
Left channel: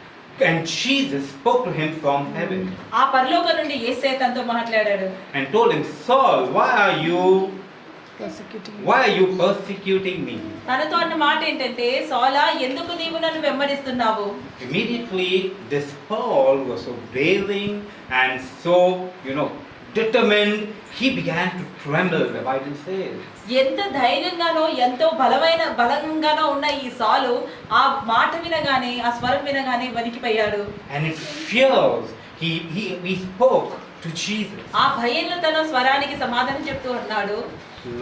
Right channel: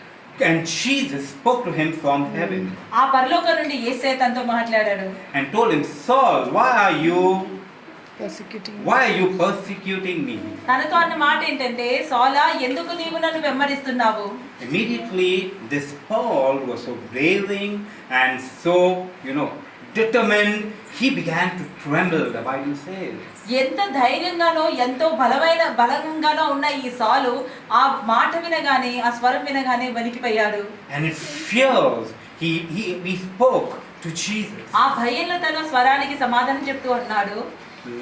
And Jesus spoke to him from heaven ఆ పరలోకం నుండి యేసయ్య తనతో మాట్లాడాడు. and told him, Saul, why are you Persecuting. persecuting me? తనతో అన్న మాట ఏంటంటే, సౌలా ఎందుకు నీవు నన్ను వెంబడిస్తున్నావు? Immediately this Paul was so raving and so, determined, he began to tremble, the Bible says. ఎంత ధైర్యంగానో ఎంతో బలంగానో ఉన్న ఈ సాలు ఆ మాట వినగానే ఆ స్వరం వినగానే వణికిపోయాడు. And in fears, he spoke to Jesus. ఆ భయంలో తన స్వరానికి సమాధానం చెప్తూ అన్నాడు,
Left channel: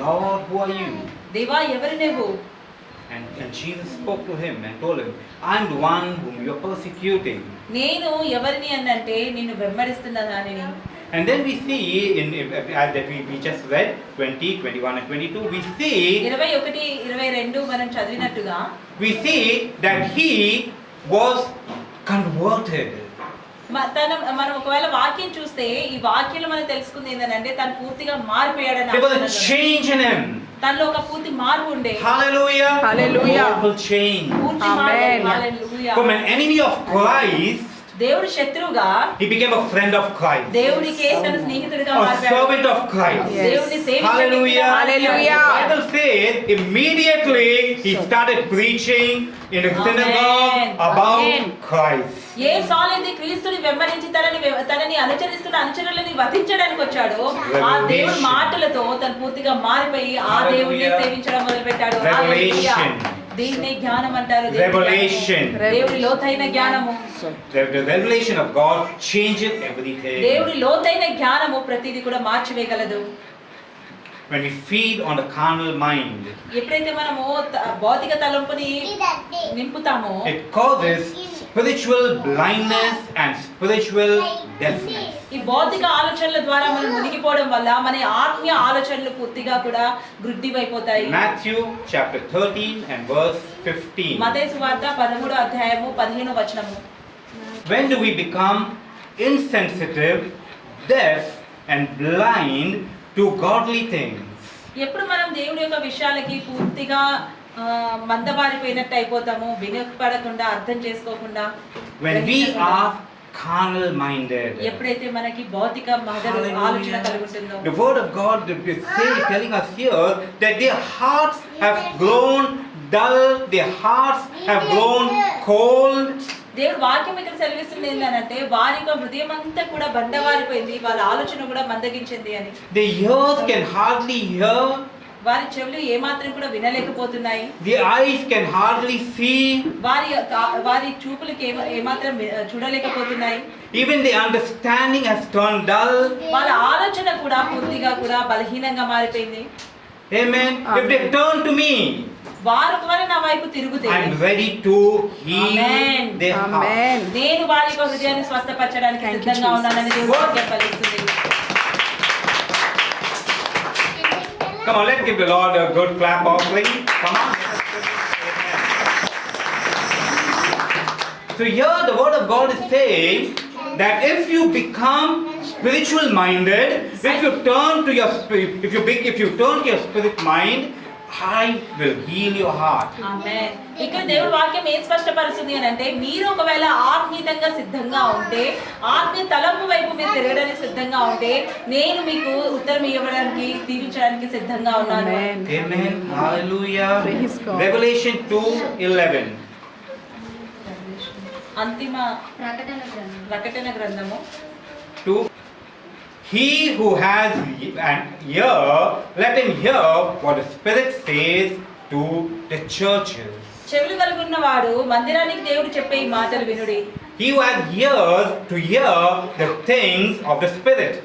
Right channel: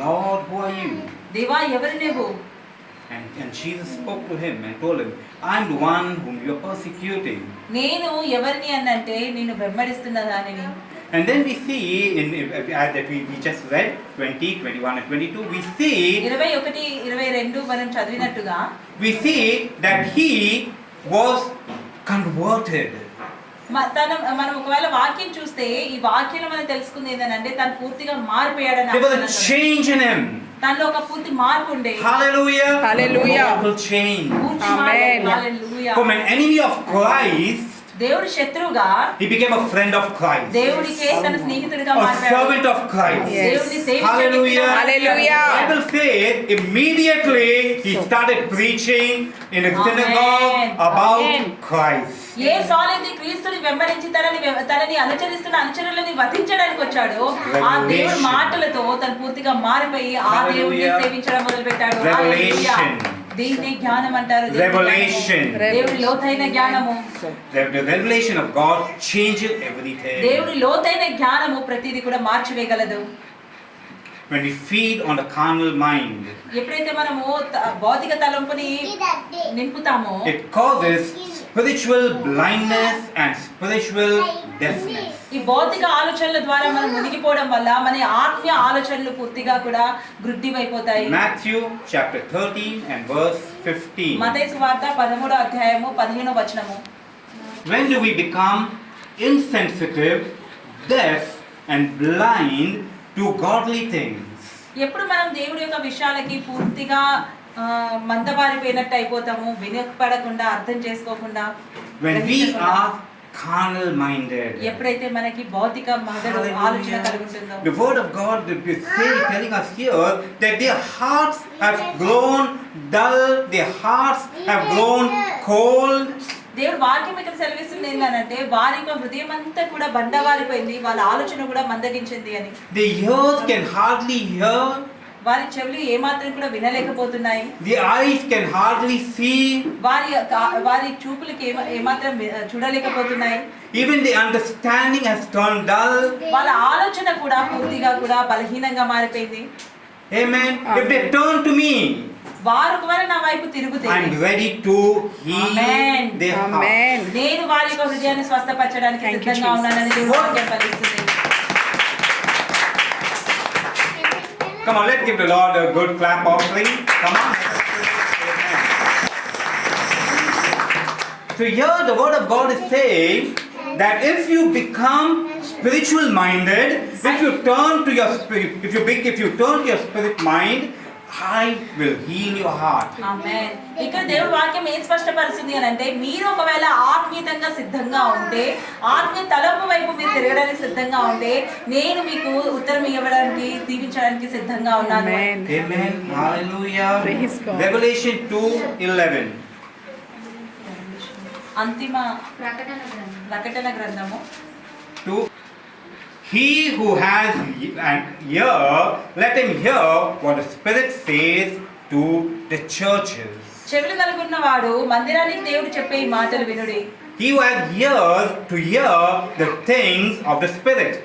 Lord, who are you? దేవా ఎవరు నువ్వు? And Jesus spoke to him and told him, I'm the one whom you're persecuting. నేను ఎవరిని అనంటే నిన్ను వెంబడిస్తున్న దానిని. And then we see that we just read 20, 21 and 22, we see 21, 22 మనం చదివినట్టుగా that he was converted. మనం ఒకవేళ వాక్యం చూస్తే ఈ వాక్యంలో మనం తెలుసుకుంది ఏంటంటే తను పూర్తిగా మారిపోయాడని. There was a change in him. తనలో ఒక పూర్తి మార్పు ఉండే. Hallelujah. Hallelujah. A total change. పూర్తి Amen. మార్పు. హల్లెలూయా. From an enemy of Christ, దేవుడి శత్రువుగా he became a friend of Christ. దేవుడికే తన స్నేహితుడిగా A మారిపోయాడు. servant of Christ. Yes. దేవుడిని సేవించే Hallelujah. వ్యక్తిగా Hallelujah. The Bible says immediately he started preaching in a synagogue about Amen. Christ. ఏ సాలైతే క్రీస్తుని వెంబడించి తనని అనుచరిస్తున్న అనుచరులని వధించడానికి వచ్చాడో ఆ దేవుడి మాటలతో తను పూర్తిగా మారిపోయి ఆ దేవుడిని సేవించడం మొదలుపెట్టాడు. హల్లెలూయా. దీన్ని జ్ఞానం అంటారు. Revelation. దేవుడి లోతైన జ్ఞానము. The revelation of God changes everything. దేవుడి లోతైన జ్ఞానము ప్రతిదీ కూడా మార్చివేయగలదు. When we feed on the carnal mind, ఎప్పుడైతే మనము భౌతిక తలంపుని నింపుతామో it causes spiritual blindness and spiritual deafness. ఈ భౌతిక ఆలోచనల ద్వారా మనం మునిగిపోవడం వల్ల మన ఆత్మీయ ఆలోచనలు పూర్తిగా కూడా వృద్ధివైపోతాయి. Matthew chapter 13 and verse 15. మత్తయి సువార్త 13వ అధ్యాయము 15వ వచనము. When do we become insensitive, deaf and blind to godly things? ఎప్పుడు మనం దేవుడి యొక్క విషయాలకి పూర్తిగా మందబారిపోయినట్టు అయిపోతాము, వినపడకుండా అర్థం చేసుకోకుండా. When we are carnal minded. ఎప్పుడైతే మనకి భౌతిక మదడు ఆలోచన కలుగుతుందో. The word of God is telling us here that their hearts have grown dull, their hearts have grown cold. దేవుడు వాక్యం ఇక్కడ సెలవిస్తుంది ఏంటంటే వారి యొక్క హృదయం అంతా కూడా బండవారిపోయింది, వాళ్ళ ఆలోచన కూడా మందగించింది అని. The ears can hardly hear. వారి చెవులు ఏమాత్రం కూడా వినలేకపోతున్నాయి. The eyes can hardly see. వారి చూపులకి ఏమాత్రం చూడలేకపోతున్నాయి. Even the understanding has turned dull. వాళ్ళ ఆలోచన కూడా పూర్తిగా కూడా బలహీనంగా మారిపోయింది. Amen. If they turn to me, వారు ఒకవేళ నా వైపు తిరుగుతే I'm ready to heal Amen. their heart. Amen. నేను వారి యొక్క హృదయాన్ని స్వస్థపరచడానికి Thank you, సిద్ధంగా ఉన్నానని దేవుని Jesus. వాక్యం ఫలిస్తుంది. Come on, let's give the Lord a good clap offering. Come on. So here the word of God is saying that if you become spiritual minded, if you turn to your spirit mind, I will heal your heart. ఆమేన్. ఇక్కడ దేవుడి వాక్యం ఏం స్పష్టపరుస్తుంది అని అంటే మీరు ఒకవేళ ఆత్మీయంగా సిద్ధంగా ఉంటే, ఆత్మీయ తలంపు వైపు మీరు తిరగడానికి సిద్ధంగా ఉంటే, నేను మీకు ఉత్తరం ఇవ్వడానికి దీవించడానికి సిద్ధంగా ఉన్నాను. Amen. Amen. Hallelujah. Praise God. Revelation 2:11. అంతిమ ప్రకటన గ్రంథము 2. He who has an ear, let him hear what the Spirit says to the churches. చెవులు కలిగిన వాడు మందిరానికి దేవుడు చెప్పే ఈ మాటలు వినుడి. He who has ears to hear the things of the Spirit.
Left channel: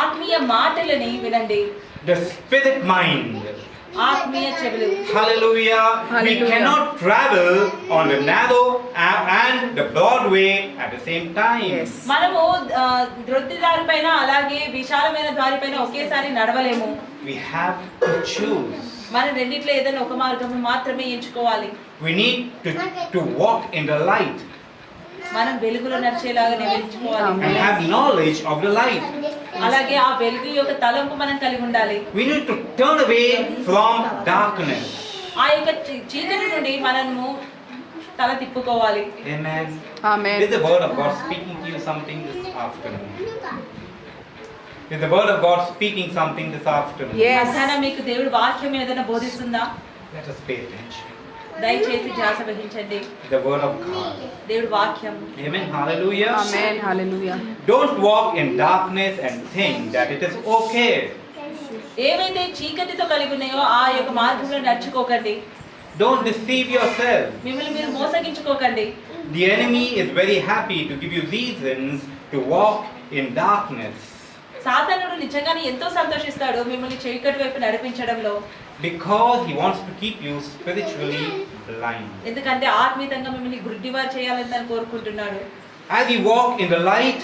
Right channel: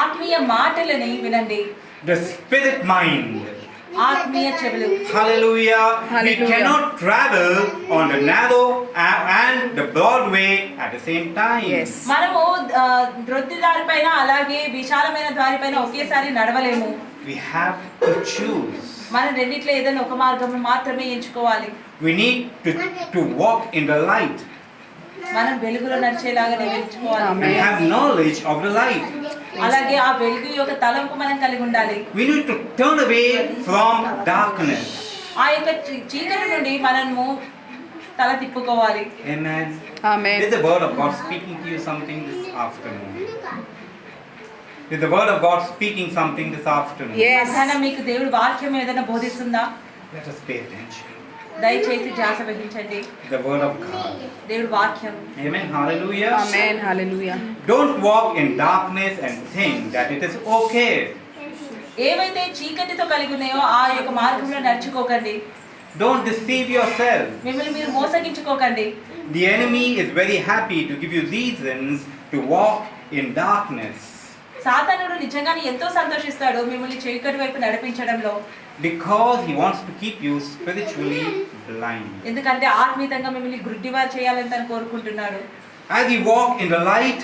ఆత్మీయ మాటలని వినండి. The Spirit mind. ఆత్మీయ చెవులు. Hallelujah. Hallelujah. We cannot travel on the narrow and the broad way at the same time. Yes. మనము రొట్టి దారి పైన అలాగే విశాలమైన దారి పైన ఒకేసారి నడవలేము. We have to choose. మనం రెండిట్లో ఏదైనా ఒక మార్గం మాత్రమే ఎంచుకోవాలి. We need to walk in the light. మనం వెలుగులో నడిచేలాగానే ఎంచుకోవాలి. Amen. We have knowledge of the light. అలాగే ఆ వెలుగు యొక్క తలంపు మనం కలిగి ఉండాలి. We need to turn away from darkness. ఆ యొక్క చీకటి నుండి మనము తల తిప్పుకోవాలి. Amen. Amen. Is the word of God speaking to you something this afternoon? Is the word of God speaking something this afternoon? Yes. మధ్యాహ్నం మీకు దేవుడి వాక్యం ఏదైనా బోధిస్తుందా? Let us pay attention. దయచేసి ధ్యాస వహించండి. The word of God. దేవుడి వాక్యం. Amen. Hallelujah. Amen. Hallelujah. Don't walk in darkness and think that it is okay. ఏవైతే చీకటితో కలిగి ఉన్నాయో ఆ యొక్క మార్గంలో నడుచుకోకండి. Don't deceive yourself. మిమ్మల్ని మీరు మోసగించుకోకండి. The enemy is very happy to give you reasons to walk in darkness. సాతానుడు నిజంగానే ఎంతో సంతోషిస్తాడు మిమ్మల్ని చీకటి వైపు నడిపించడంలో. Because he wants to keep you spiritually blind. ఎందుకంటే ఆత్మీయంగా మిమ్మల్ని గుడ్డివారు చేయాలని తను కోరుకుంటున్నాడు. As we walk in the light,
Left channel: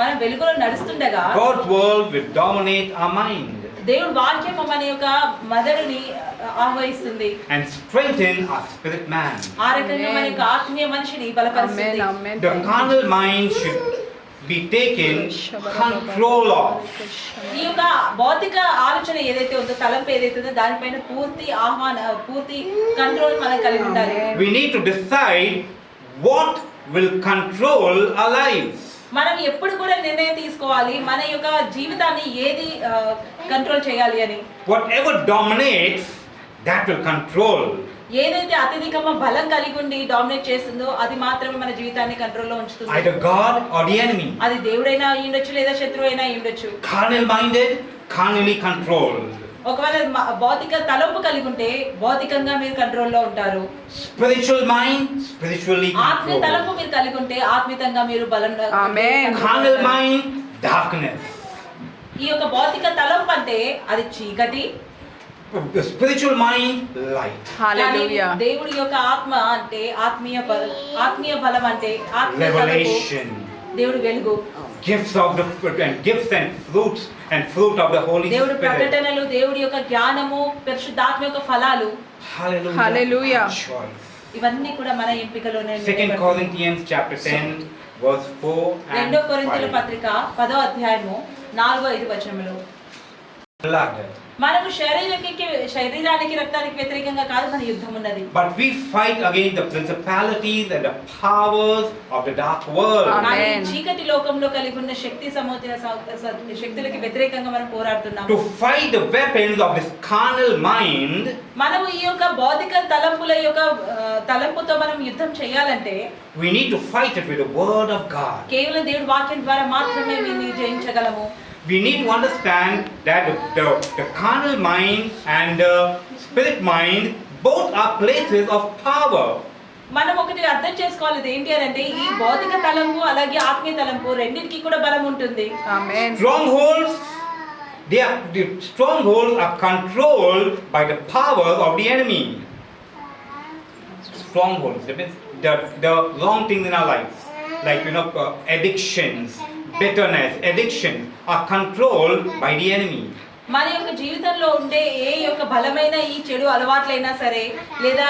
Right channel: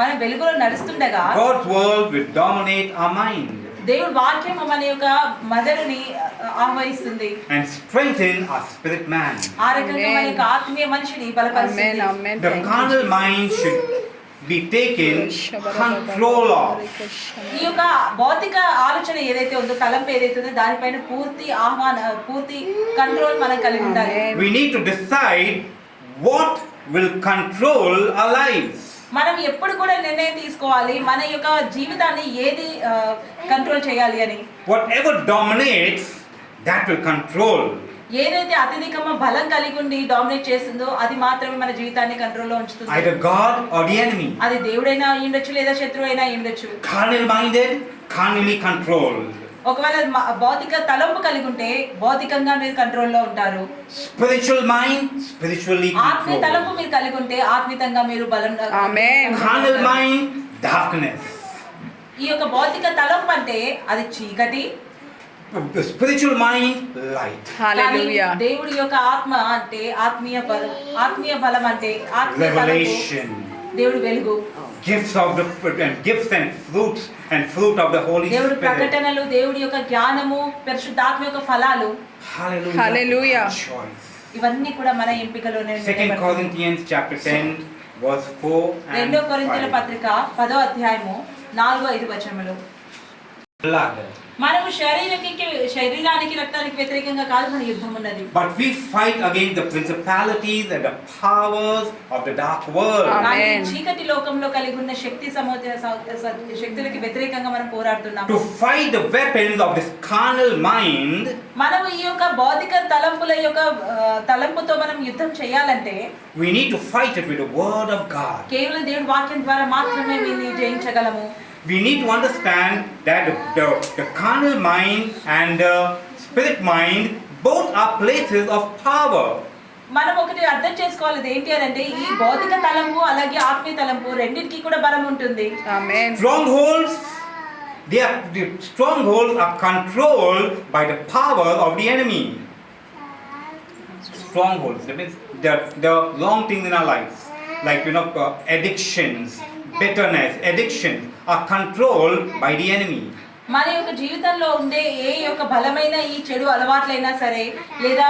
మనం వెలుగులో నడుస్తుండగా God's word will dominate our mind దేవుడి వాక్యం మన యొక్క మదరుని ఆహ్వానిస్తుంది. and strengthen our spirit man. ఆ రకంగా మన యొక్క ఆత్మీయ మనిషిని Amen. బలపరుస్తుంది. Amen. The Thank you, carnal mind should be taken control of. ఈ యొక్క భౌతిక ఆలోచన ఏదైతే ఉందో తలంపు ఏదైతే ఉందో దానిపైన పూర్తి కంట్రోల్ మనం కలిగి ఉండాలి. Amen. We need to decide what will control our lives. మనం ఎప్పుడు కూడా నిర్ణయం తీసుకోవాలి మన యొక్క జీవితాన్ని ఏది కంట్రోల్ చేయాలి అని. Whatever dominates, that will control. ఏదైతే అత్యధికంగా బలం కలిగి ఉండి డామినేట్ చేస్తుందో అది మాత్రమే మన జీవితాన్ని కంట్రోల్లో ఉంచుతుంది. Either God or the enemy. అది దేవుడైనా అయ్యుండొచ్చు లేదా శత్రువు అయినా అయ్యుండొచ్చు. Carnal minded, carnally controlled. ఒకవేళ భౌతిక తలంపు కలిగి ఉంటే భౌతికంగా మీరు కంట్రోల్లో ఉంటారు. Spiritual mind, spiritually ఆత్మీయ controlled. తలంపు మీరు కలిగి ఉంటే ఆత్మీయంగా మీరు బలం. Amen. Carnal mind, darkness. ఈ యొక్క భౌతిక తలంపు అంటే అది చీకటి. The spiritual mind, light. Hallelujah. కానీ దేవుడి యొక్క ఆత్మ అంటే ఆత్మీయ బలం అంటే ఆత్మీయ తలంపు. Revelation. దేవుడు వెలుగు. Gifts of the and gifts and fruit of the Holy దేవుడి Spirit. ప్రకటనలు దేవుడి యొక్క జ్ఞానము పరిశుద్ధాత్మ యొక్క ఫలాలు Hallelujah. Hallelujah. Choice. ఇవన్నీ కూడా మన ఎంపికలోనే 2 Corinthians chapter 10 verse 4 and 2 కొరింథీయుల 5. పత్రిక 10వ అధ్యాయము 4-5 వచనములు. Blood. మనము శరీరానికి రక్తానికి వ్యతిరేకంగా కాదు మన యుద్ధం ఉన్నది. But we fight against the principalities and the powers of the dark world. Amen. కానీ చీకటి లోకంలో కలిగి ఉన్న శక్తులకి వ్యతిరేకంగా మనం పోరాడుతున్నాము. To fight the weapons of this carnal mind, మనము ఈ యొక్క భౌతిక తలంపుతో మనం యుద్ధం చేయాలంటే we need to fight it with the word of God. కేవలం దేవుడి వాక్యం ద్వారా మాత్రమే దీన్ని జయించగలము. We need to understand that the carnal mind and the spirit mind both are places of power. మనం ఒకటి అర్థం చేసుకోవాలి ఏంటి అని అంటే ఈ భౌతిక తలంపు అలాగే ఆత్మీయ తలంపు రెండింటికి కూడా బలం ఉంటుంది. Amen. Strongholds, The strongholds are controlled by the power of the enemy. Strongholds, that means the wrong things in our lives, like addictions, bitterness, addictions are controlled by the enemy. మన యొక్క జీవితంలో ఉండే ఏ యొక్క బలమైన ఈ చెడు అలవాట్లైనా సరే లేదా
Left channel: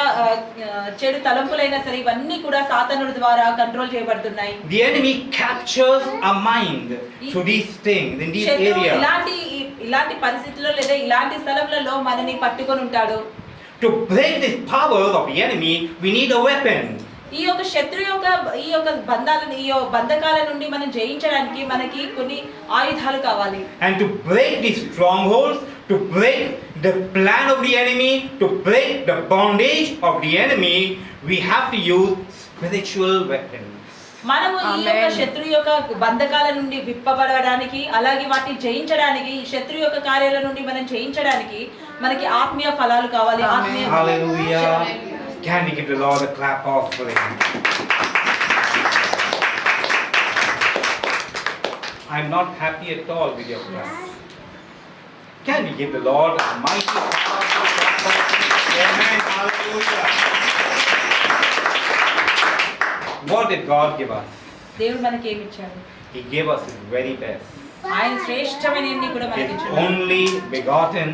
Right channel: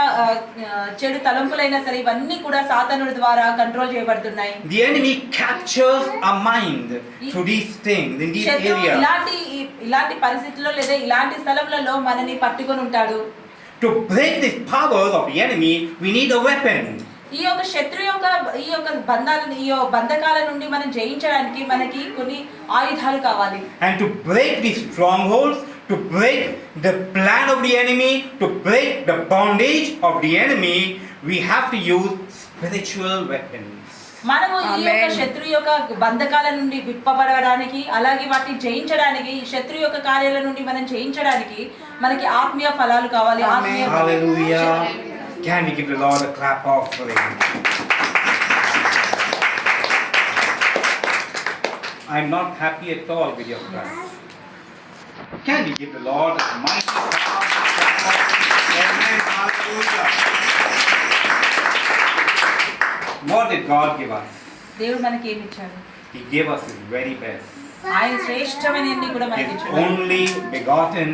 చెడు తలంపులైనా సరే ఇవన్నీ కూడా సాతానుడి ద్వారా కంట్రోల్ చేయబడుతున్నాయి. The enemy captures our mind through these things in these areas. ఇలాంటి పరిస్థితుల్లో లేదా ఇలాంటి స్థలములలో మనని పట్టుకొని ఉంటాడు. To break this power of the enemy, we need a weapon. ఈ యొక్క శత్రు యొక్క బంధాలను బంధకాల నుండి మనం జయించడానికి మనకి కొన్ని ఆయుధాలు కావాలి. And to break these strongholds, to break the plan of the enemy, to break the bondage of the enemy, we have to use spiritual weapons. మనము ఈ యొక్క శత్రు యొక్క బంధకాల నుండి విప్పబడడానికి అలాగే వాటిని జయించడానికి శత్రు యొక్క కార్యాల నుండి మనం జయించడానికి మనకి ఆత్మీయ ఫలాలు కావాలి. Hallelujah. Can we give the Lord a clap offering? I'm not happy at all with your clap. Can we give the Lord a mighty clap? Amen. Hallelujah. What did God give us? దేవుడు మనకి ఏమి ఇచ్చాడు? He gave us His very best. ఆయన శ్రేష్టమైనది కూడా మనకి His ఇచ్చాడు. only begotten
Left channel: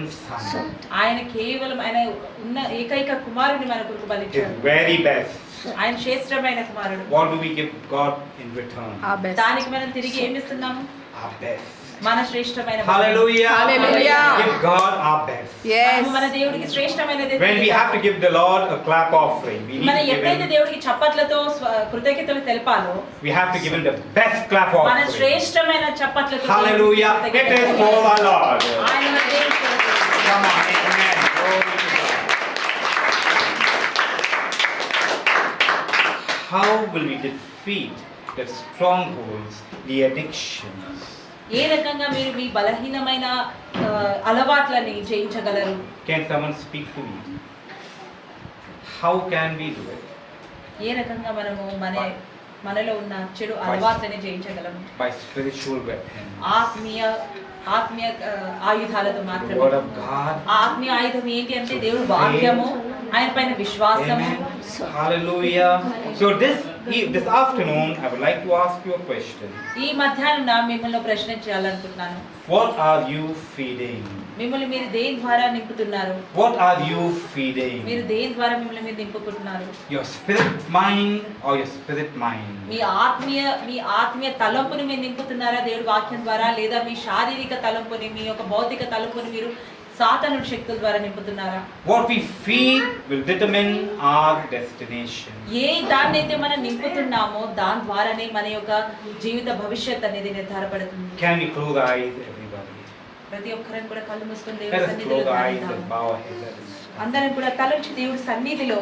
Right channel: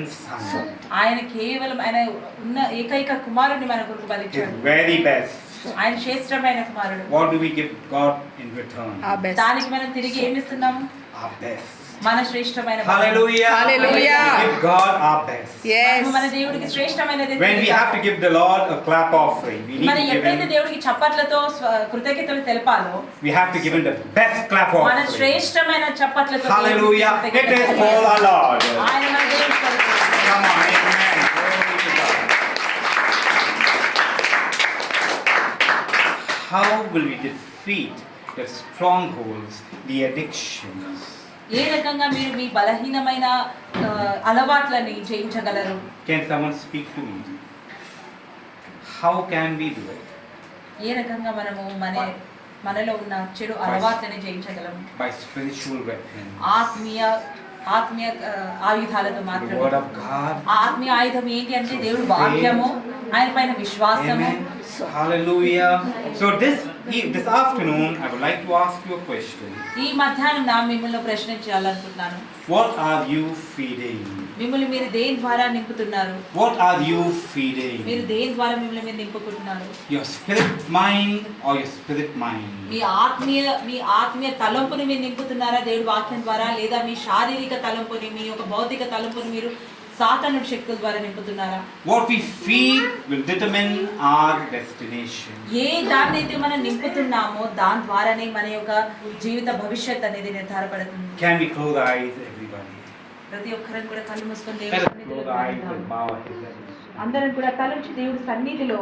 Son. ఆయన కేవలం ఆయన ఉన్న ఏకైక కుమారుని మన కొరకు His బలిచ్చాడు. very best. ఆయన శ్రేష్టమైన కుమారుడు. What do we give God in return? Our best. దానికి మనం తిరిగి ఏమి ఇస్తున్నాము? Our best. మన శ్రేష్టమైన Hallelujah. Hallelujah. Give God our best. Yes. మన దేవుడికి శ్రేష్టమైనది. When we have to give the Lord a clap offering, we need మనం to give ఎప్పుడైతే Him, దేవుడికి చప్పట్లతో కృతజ్ఞతలు తెలపాలో we have to give Him the best clap మన offering. శ్రేష్టమైన చప్పట్లతో Hallelujah. దేవుడికి It is కృతజ్ఞతలు for తెలపాలి. our Lord. ఆయన మన దేవుడి కొరకు. Come on, amen. Glory to God. How will we defeat the strongholds, the addictions? ఏ రకంగా మీరు మీ బలహీనమైన అలవాట్లని జయించగలరు? Can someone speak to me? How can we do it? ఏ రకంగా మనము మనలో ఉన్న చెడు అలవాట్లని జయించగలము? By spiritual weapons. ఆత్మీయ ఆయుధాలతో The మాత్రమే. word of God. ఆత్మీయ ఆయుధం ఏంటి అంటే దేవుడి వాక్యము, ఆయన పైన విశ్వాసము. Amen. Hallelujah. So this afternoon, I would like to ask you a question. ఈ మధ్యాహ్నం మిమ్మల్ని ప్రశ్న చేయాలనుకుంటున్నాను. What are you feeding? మిమ్మల్ని మీరు దేని ద్వారా నింపుతున్నారు? What are you feeding? మీరు దేని ద్వారా మిమ్మల్ని మీరు నింపుకుంటున్నారు? Your spirit mind or your spirit mind? మీ ఆత్మీయ తలంపుని మీరు నింపుతున్నారా దేవుడి వాక్యం ద్వారా, లేదా మీ శారీరక తలంపుని, మీ యొక్క భౌతిక తలంపుని మీరు సాతానుడి శక్తుల ద్వారా నింపుతున్నారా? What we feed will determine our destination. ఏ దాన్నైతే మనం నింపుతున్నామో దాని ద్వారానే మన యొక్క జీవిత భవిష్యత్ అనేది నిర్ధారపడుతుంది. Can we close our eyes, everybody? ప్రతి ఒక్కరం కూడా కళ్ళు మూసుకొని Let దేవుడి us సన్నిధిలో close our eyes and ఉందాం. bow our heads. అందరం కూడా తలంచి దేవుడి సన్నిధిలో